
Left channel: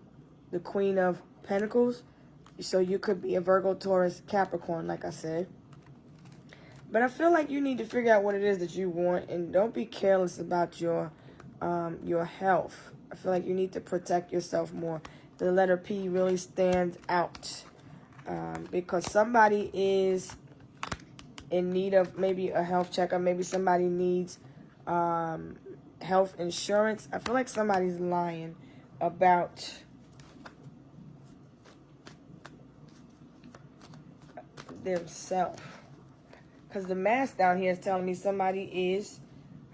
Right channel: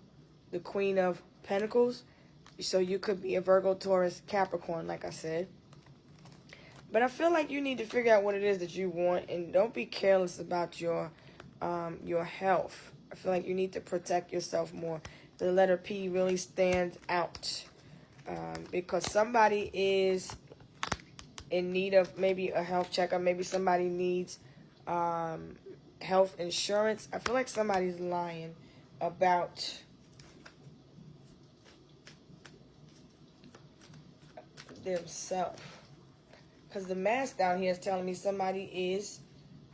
of Pentacles. So you could be a Virgo, Taurus, Capricorn, like I said. But I feel like you need to figure out what it is that you want, and don't be careless about your health. I feel like you need to protect yourself more. The letter P really stands out because somebody is in need of maybe a health checkup. Maybe somebody needs health insurance. I feel like somebody's lying about themselves. Because the mask down here is telling me somebody is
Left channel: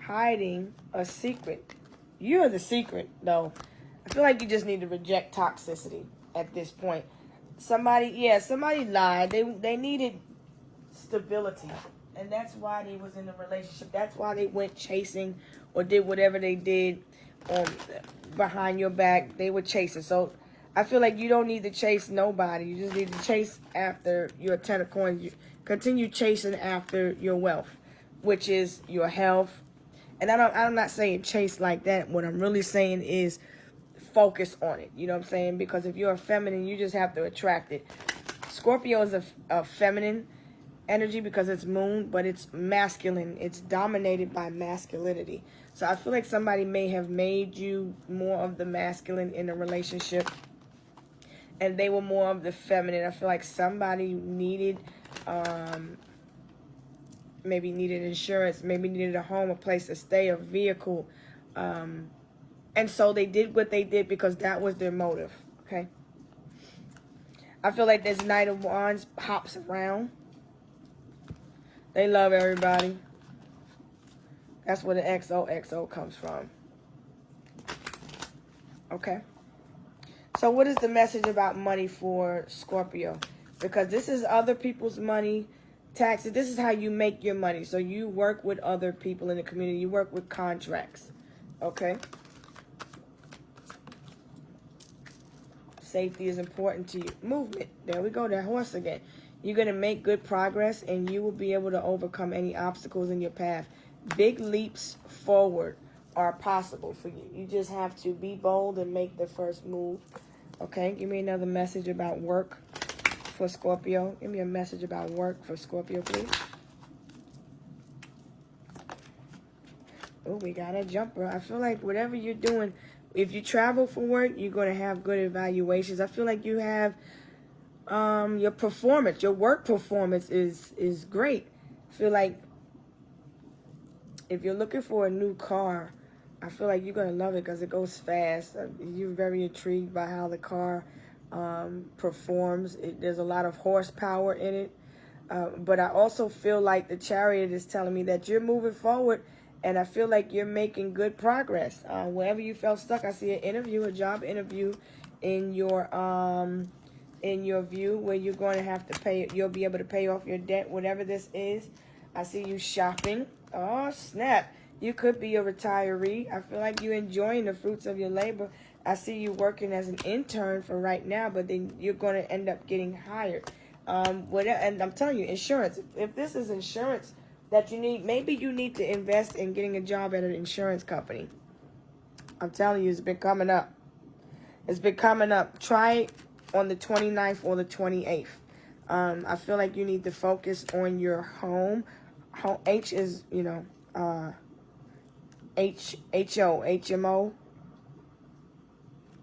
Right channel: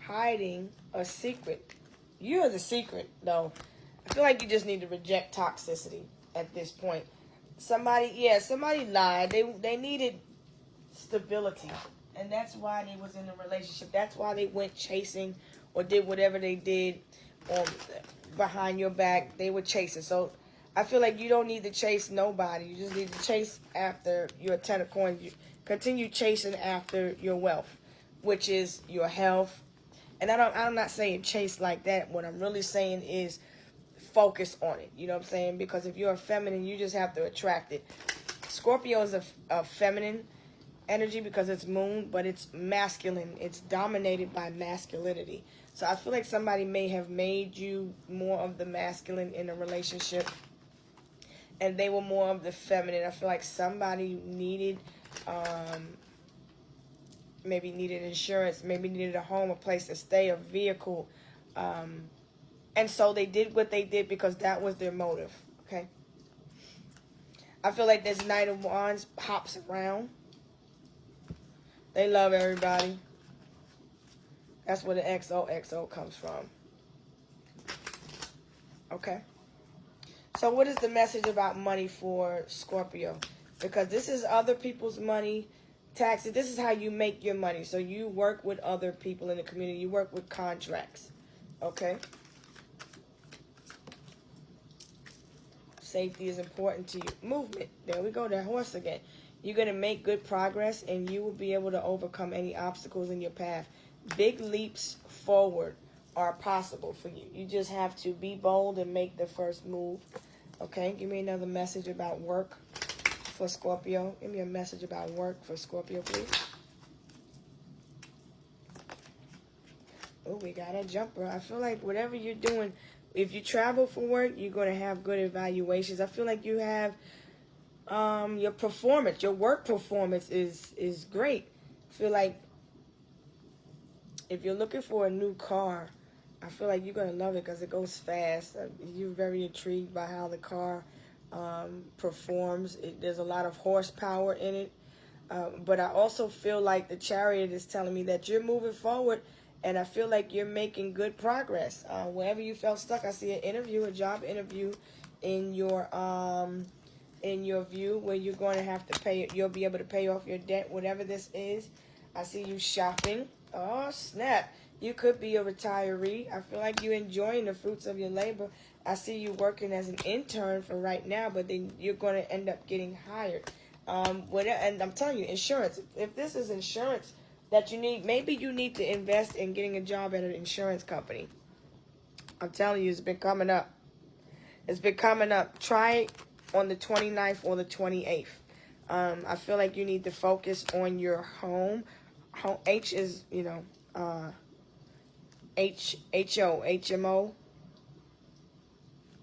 hiding a secret. You're the secret, though. I feel like you just need to reject toxicity at this point. Somebody lied. They needed stability. And that's why they was in a relationship. That's why they went chasing or did whatever they did behind your back. They were chasing. So I feel like you don't need to chase nobody. You just need to chase after your 10 of coins. Continue chasing after your wealth, which is your health. And I'm not saying chase like that. What I'm really saying is focus on it. You know what I'm saying? Because if you're a feminine, you just have to attract it. Scorpio is a feminine energy because it's moon, but it's masculine. It's dominated by masculinity. So I feel like somebody may have made you more of the masculine in a relationship, and they were more of the feminine. I feel like somebody needed maybe needed insurance, maybe needed a home, a place to stay, a vehicle, and so they did what they did because that was their motive. Okay, I feel like this Knight of Wands hops around. They love everybody. That's where the XOXO comes from. Okay, so what is the message about money for Scorpio? Because this is other people's money, taxes. This is how you make your money. So you work with other people in the community. You work with contracts. Okay? Safety is important to you. Movement. There we go. That horse again. You're going to make good progress, and you will be able to overcome any obstacles in your path. Big leaps forward are possible for you. You just have to be bold and make the first move. Okay? Give me another message about work for Scorpio. Give me a message about work for Scorpio, please. Oh, we got a jumper. I feel like whatever you're doing, if you travel for work, you're going to have good evaluations. I feel like you have your performance, your work performance is great. I feel like if you're looking for a new car, I feel like you're going to love it because it goes fast. You're very intrigued by how the car performs. There's a lot of horsepower in it. But I also feel like the Chariot is telling me that you're moving forward, and I feel like you're making good progress. Wherever you felt stuck, I see an interview, a job interview in your view, where you're going to have to pay. You'll be able to pay off your debt, whatever this is. I see you shopping. Oh, snap. You could be a retiree. I feel like you're enjoying the fruits of your labor. I see you working as an intern for right now, but then you're going to end up getting hired. And I'm telling you, insurance. If this is insurance that you need, maybe you need to invest in getting a job at an insurance company. I'm telling you, it's been coming up. It's been coming up. Try it on the 29th or the 28th. I feel like you need to focus on your home. H is, HMO,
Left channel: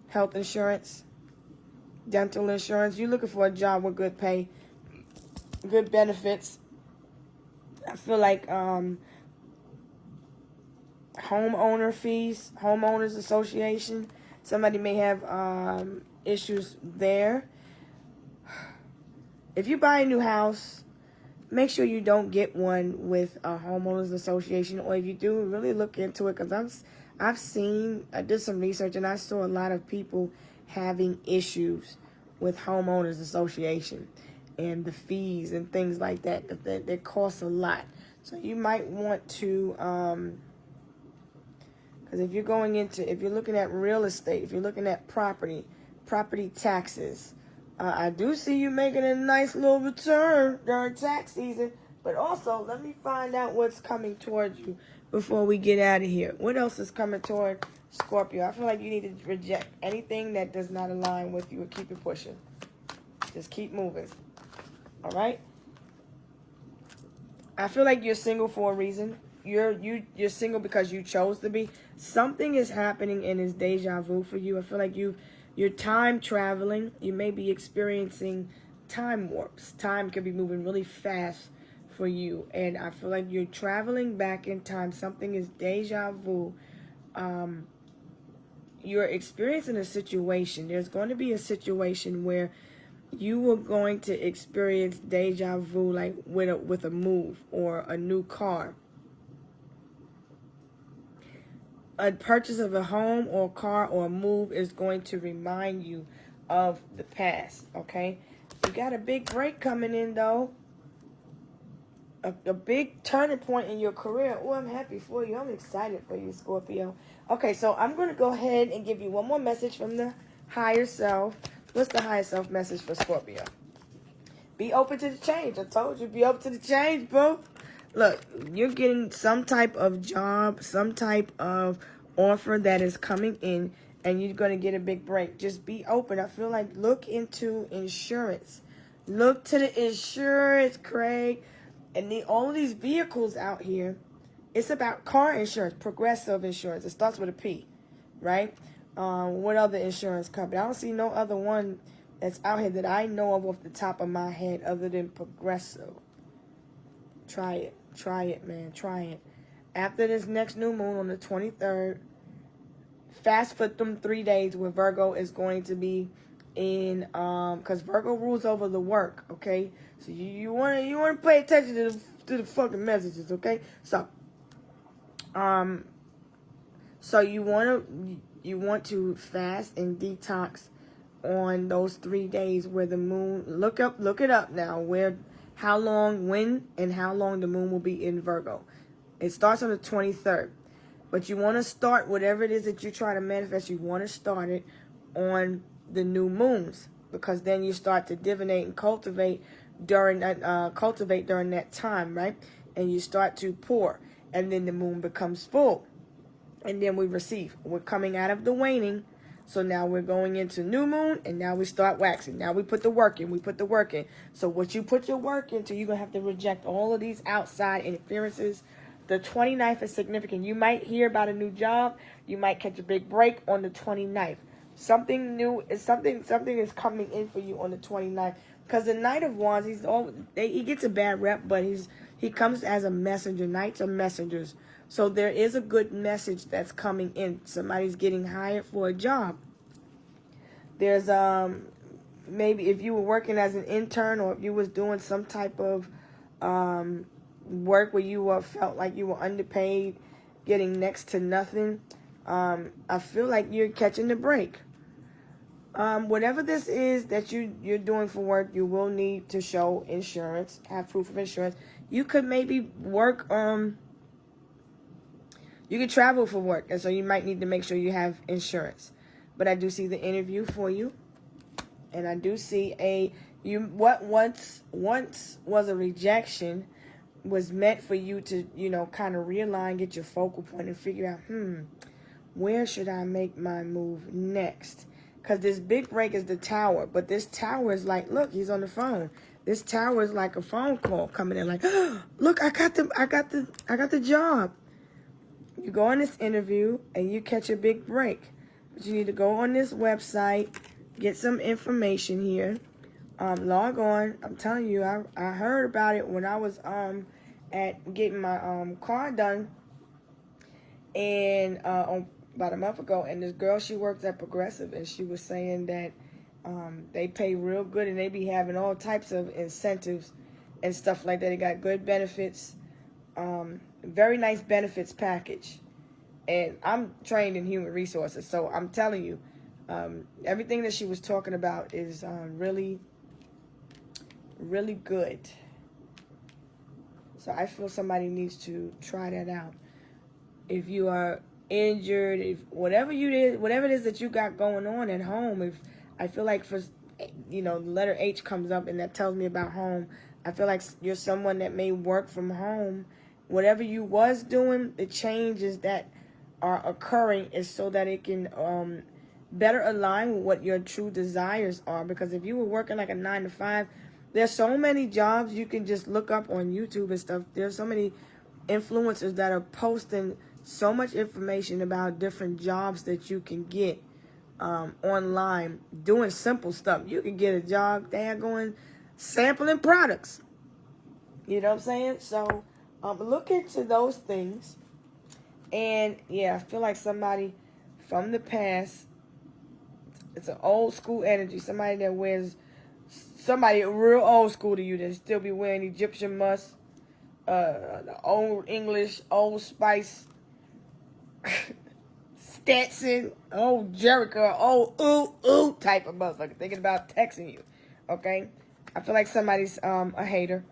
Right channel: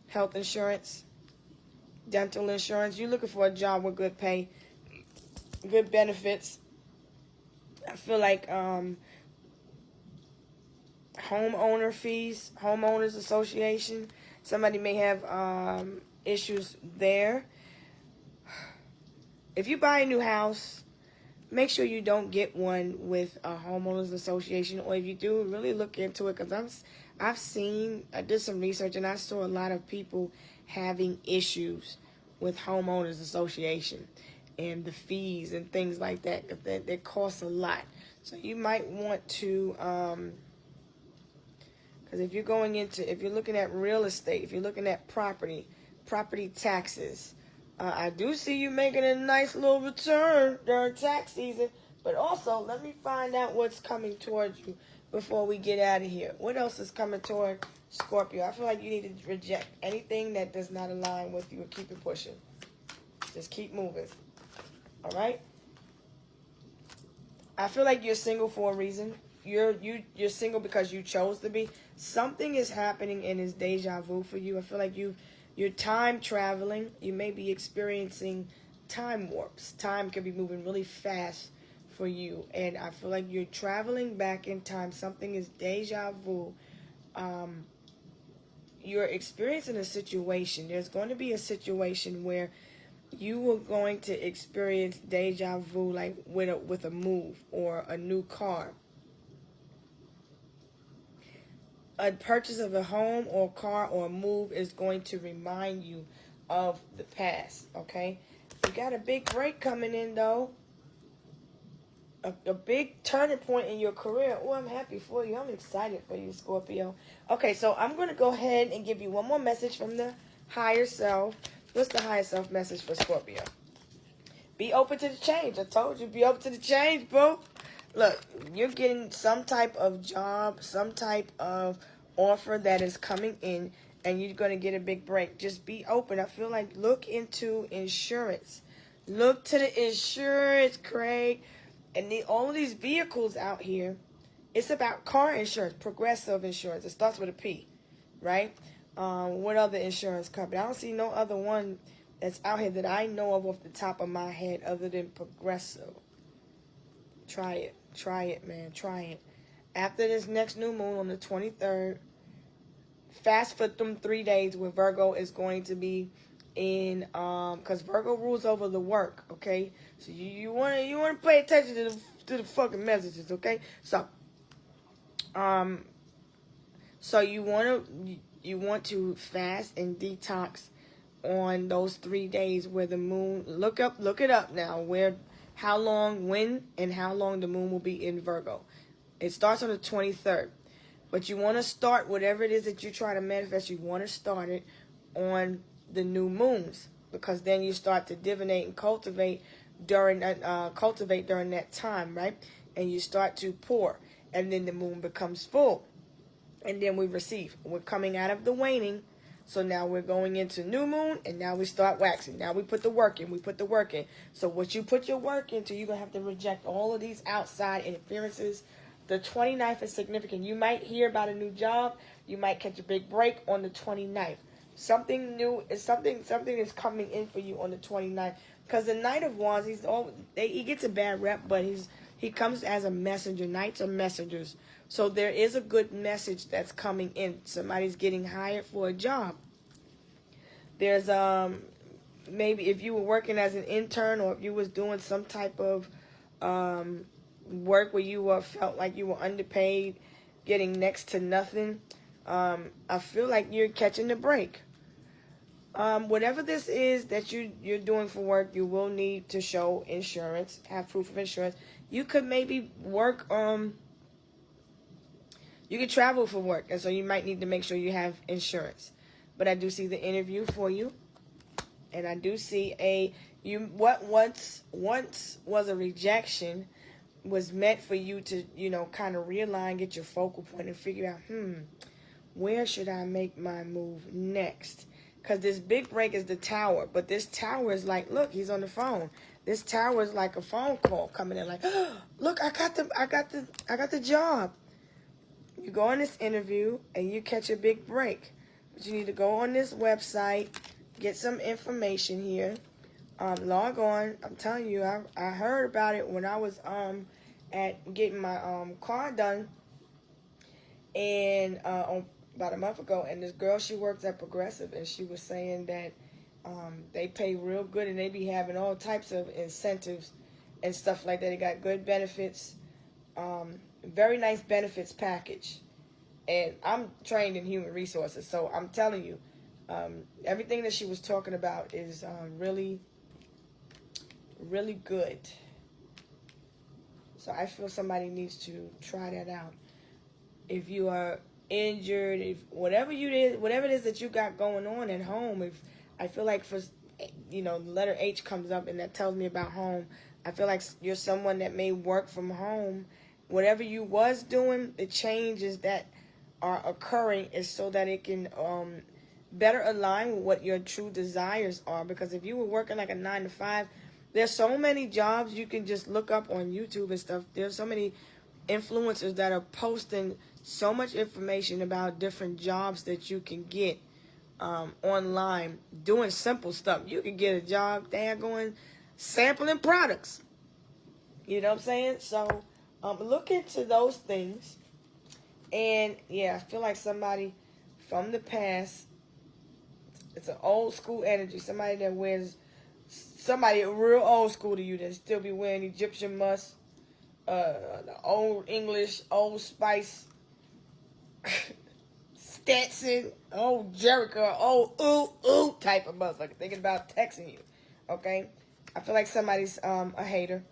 health insurance, dental insurance. You're looking for a job with good pay, good benefits. I feel like homeowner fees, homeowners association. Somebody may have issues there. If you buy a new house, make sure you don't get one with a homeowners association, or if you do, really look into it, because I did some research and I saw a lot of people having issues with homeowners association and the fees and things like that, because they cost a lot. So you might want to, because if you're looking at real estate, if you're looking at property taxes, I do see you making a nice little return during tax season, but also let me find out what's coming towards you before we get out of here. What else is coming toward Scorpio? I feel like you need to reject anything that does not align with you and keep it pushing. Just keep moving. All right? I feel like you're single for a reason. You're single because you chose to be. Something is happening and it's deja vu for you. I feel like you're time traveling. You may be experiencing time warps. Time can be moving really fast for you. And I feel like you're traveling back in time. Something is deja vu. You're experiencing a situation. There's going to be a situation where you are going to experience deja vu, like with a move or a new car. A purchase of a home or car or a move is going to remind you of the past, okay? You got a big break coming in, though. A big turning point in your career. Oh, I'm happy for you. I'm excited for you, Scorpio. Okay, so I'm going to go ahead and give you one more message from the higher self. What's the higher self message for Scorpio? Be open to the change. I told you, be open to the change, bro. Look, you're getting some type of job, some type of offer that is coming in, and you're going to get a big break. Just be open. I feel like look into insurance. Look to the insurance, Craig. And all of these vehicles out here, it's about car insurance, progressive insurance. It starts with a P, right? What other insurance company? I don't see no other one that's out here that I know of off the top of my head other than Progressive. Try it. Try it, man. Try it. After this next new moon on the 23rd, fast for them 3 days where Virgo is going to be in, because Virgo rules over the work, okay? So you want to pay attention to the fucking messages, okay? So you want to fast and detox on those 3 days where the moon, look it up now, how long the moon will be in Virgo. It starts on the 23rd. But you want to start whatever it is that you try to manifest, you want to start it on the new moons, because then you start to divinate and cultivate during that time, right? And you start to pour, and then the moon becomes full. And then we receive. We're coming out of the waning. So now we're going into new moon, and now we start waxing. Now we put the work in. So what you put your work into, you're going to have to reject all of these outside interferences. The 29th is significant. You might hear about a new job. You might catch a big break on the 29th. Something new is something is coming in for you on the 29th. Because the Knight of Wands, he gets a bad rep, but he comes as a messenger. Knights are messengers. So there is a good message that's coming in. Somebody's getting hired for a job. There's maybe if you were working as an intern, or if you was doing some type of work where you felt like you were underpaid, getting next to nothing, I feel like you're catching the break. Whatever this is that you're doing for work, you will need to show insurance, have proof of insurance. You could maybe work, you could travel for work, and so you might need to make sure you have insurance. But I do see the interview for you, and I do see what once was a rejection was meant for you to, kind of realign, get your focal point, and figure out, where should I make my move next? Because this big break is the tower, but this tower is like, look, he's on the phone. This tower is like a phone call coming in, like, look, I got the job. You go on this interview and you catch a big break. But you need to go on this website, get some information here, log on. I'm telling you, I heard about it when I was at getting my car done, and about a month ago. And this girl, she works at Progressive, and she was saying that they pay real good, and they be having all types of incentives and stuff like that. They got good benefits, very nice benefits package. And I'm trained in human resources, so I'm telling you, everything that she was talking about is really, really good. So I feel somebody needs to try that out. If you are injured, if whatever it is that you got going on at home, if I feel like the letter H comes up and that tells me about home, I feel like you're someone that may work from home. Whatever you was doing, the changes that are occurring is so that it can better align with what your true desires are. Because if you were working like a 9-to-5, there's so many jobs you can just look up on YouTube and stuff. There's so many influencers that are posting so much information about different jobs that you can get online, doing simple stuff. You can get a job going sampling products. You know what I'm saying? So look into those things. And yeah, I feel like somebody from the past, it's an old school energy. Somebody real old school to you that still be wearing Egyptian musk, the old English, old Spice, Stetson, old Jericho, old ooh type of motherfucker thinking about texting you. Okay? I feel like somebody's a hater.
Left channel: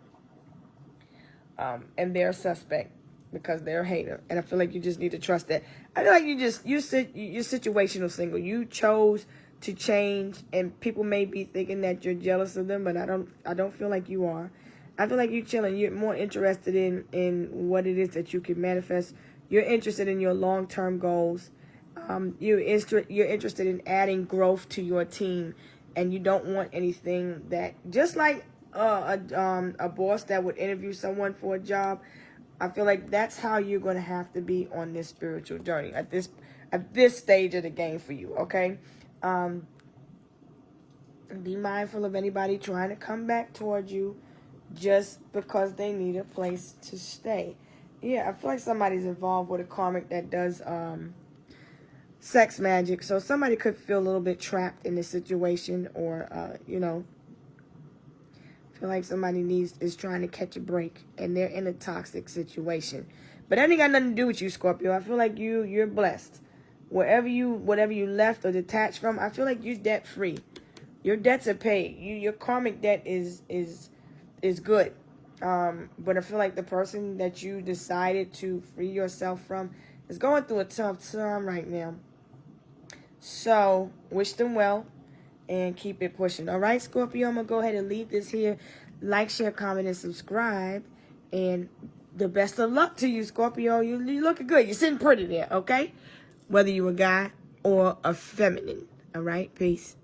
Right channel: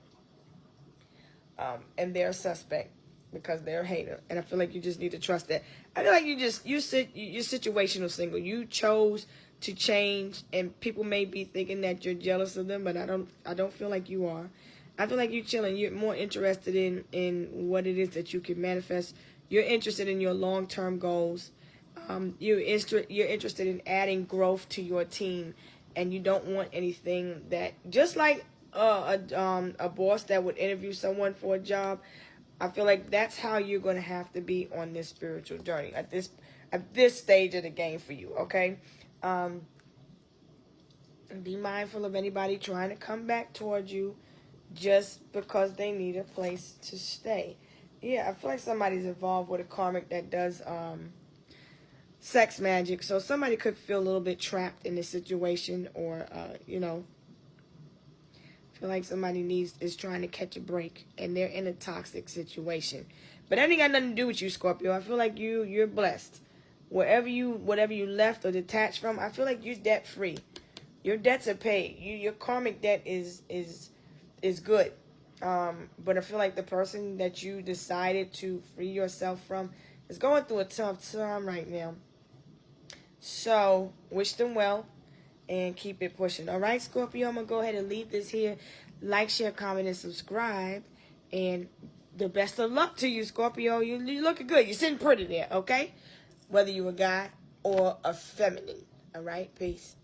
And they're a suspect because they're a hater. And I feel like you just need to trust that. I feel like you're situational single. You chose to change, and people may be thinking that you're jealous of them, but I don't feel like you are. I feel like you're chilling. You're more interested in what it is that you can manifest. You're interested in your long-term goals. You're interested in adding growth to your team, and you don't want anything that, just like a boss that would interview someone for a job. I feel like that's how you're going to have to be on this spiritual journey at this stage of the game for you. Okay. Be mindful of anybody trying to come back towards you just because they need a place to stay. Yeah, I feel like somebody's involved with a karmic that does sex magic. So somebody could feel a little bit trapped in this situation, or feel like somebody is trying to catch a break and they're in a toxic situation. But that ain't got nothing to do with you, Scorpio. I feel like you're blessed. Whatever you left or detached from, I feel like you're debt free. Your debts are paid. Your karmic debt is good. But I feel like the person that you decided to free yourself from is going through a tough time right now. So wish them well and keep it pushing. All right, Scorpio, I'm going to go ahead and leave this here. Like, share, comment, and subscribe. And the best of luck to you, Scorpio. You're looking good. You're sitting pretty there, okay? Whether you're a guy or a feminine. All right, peace.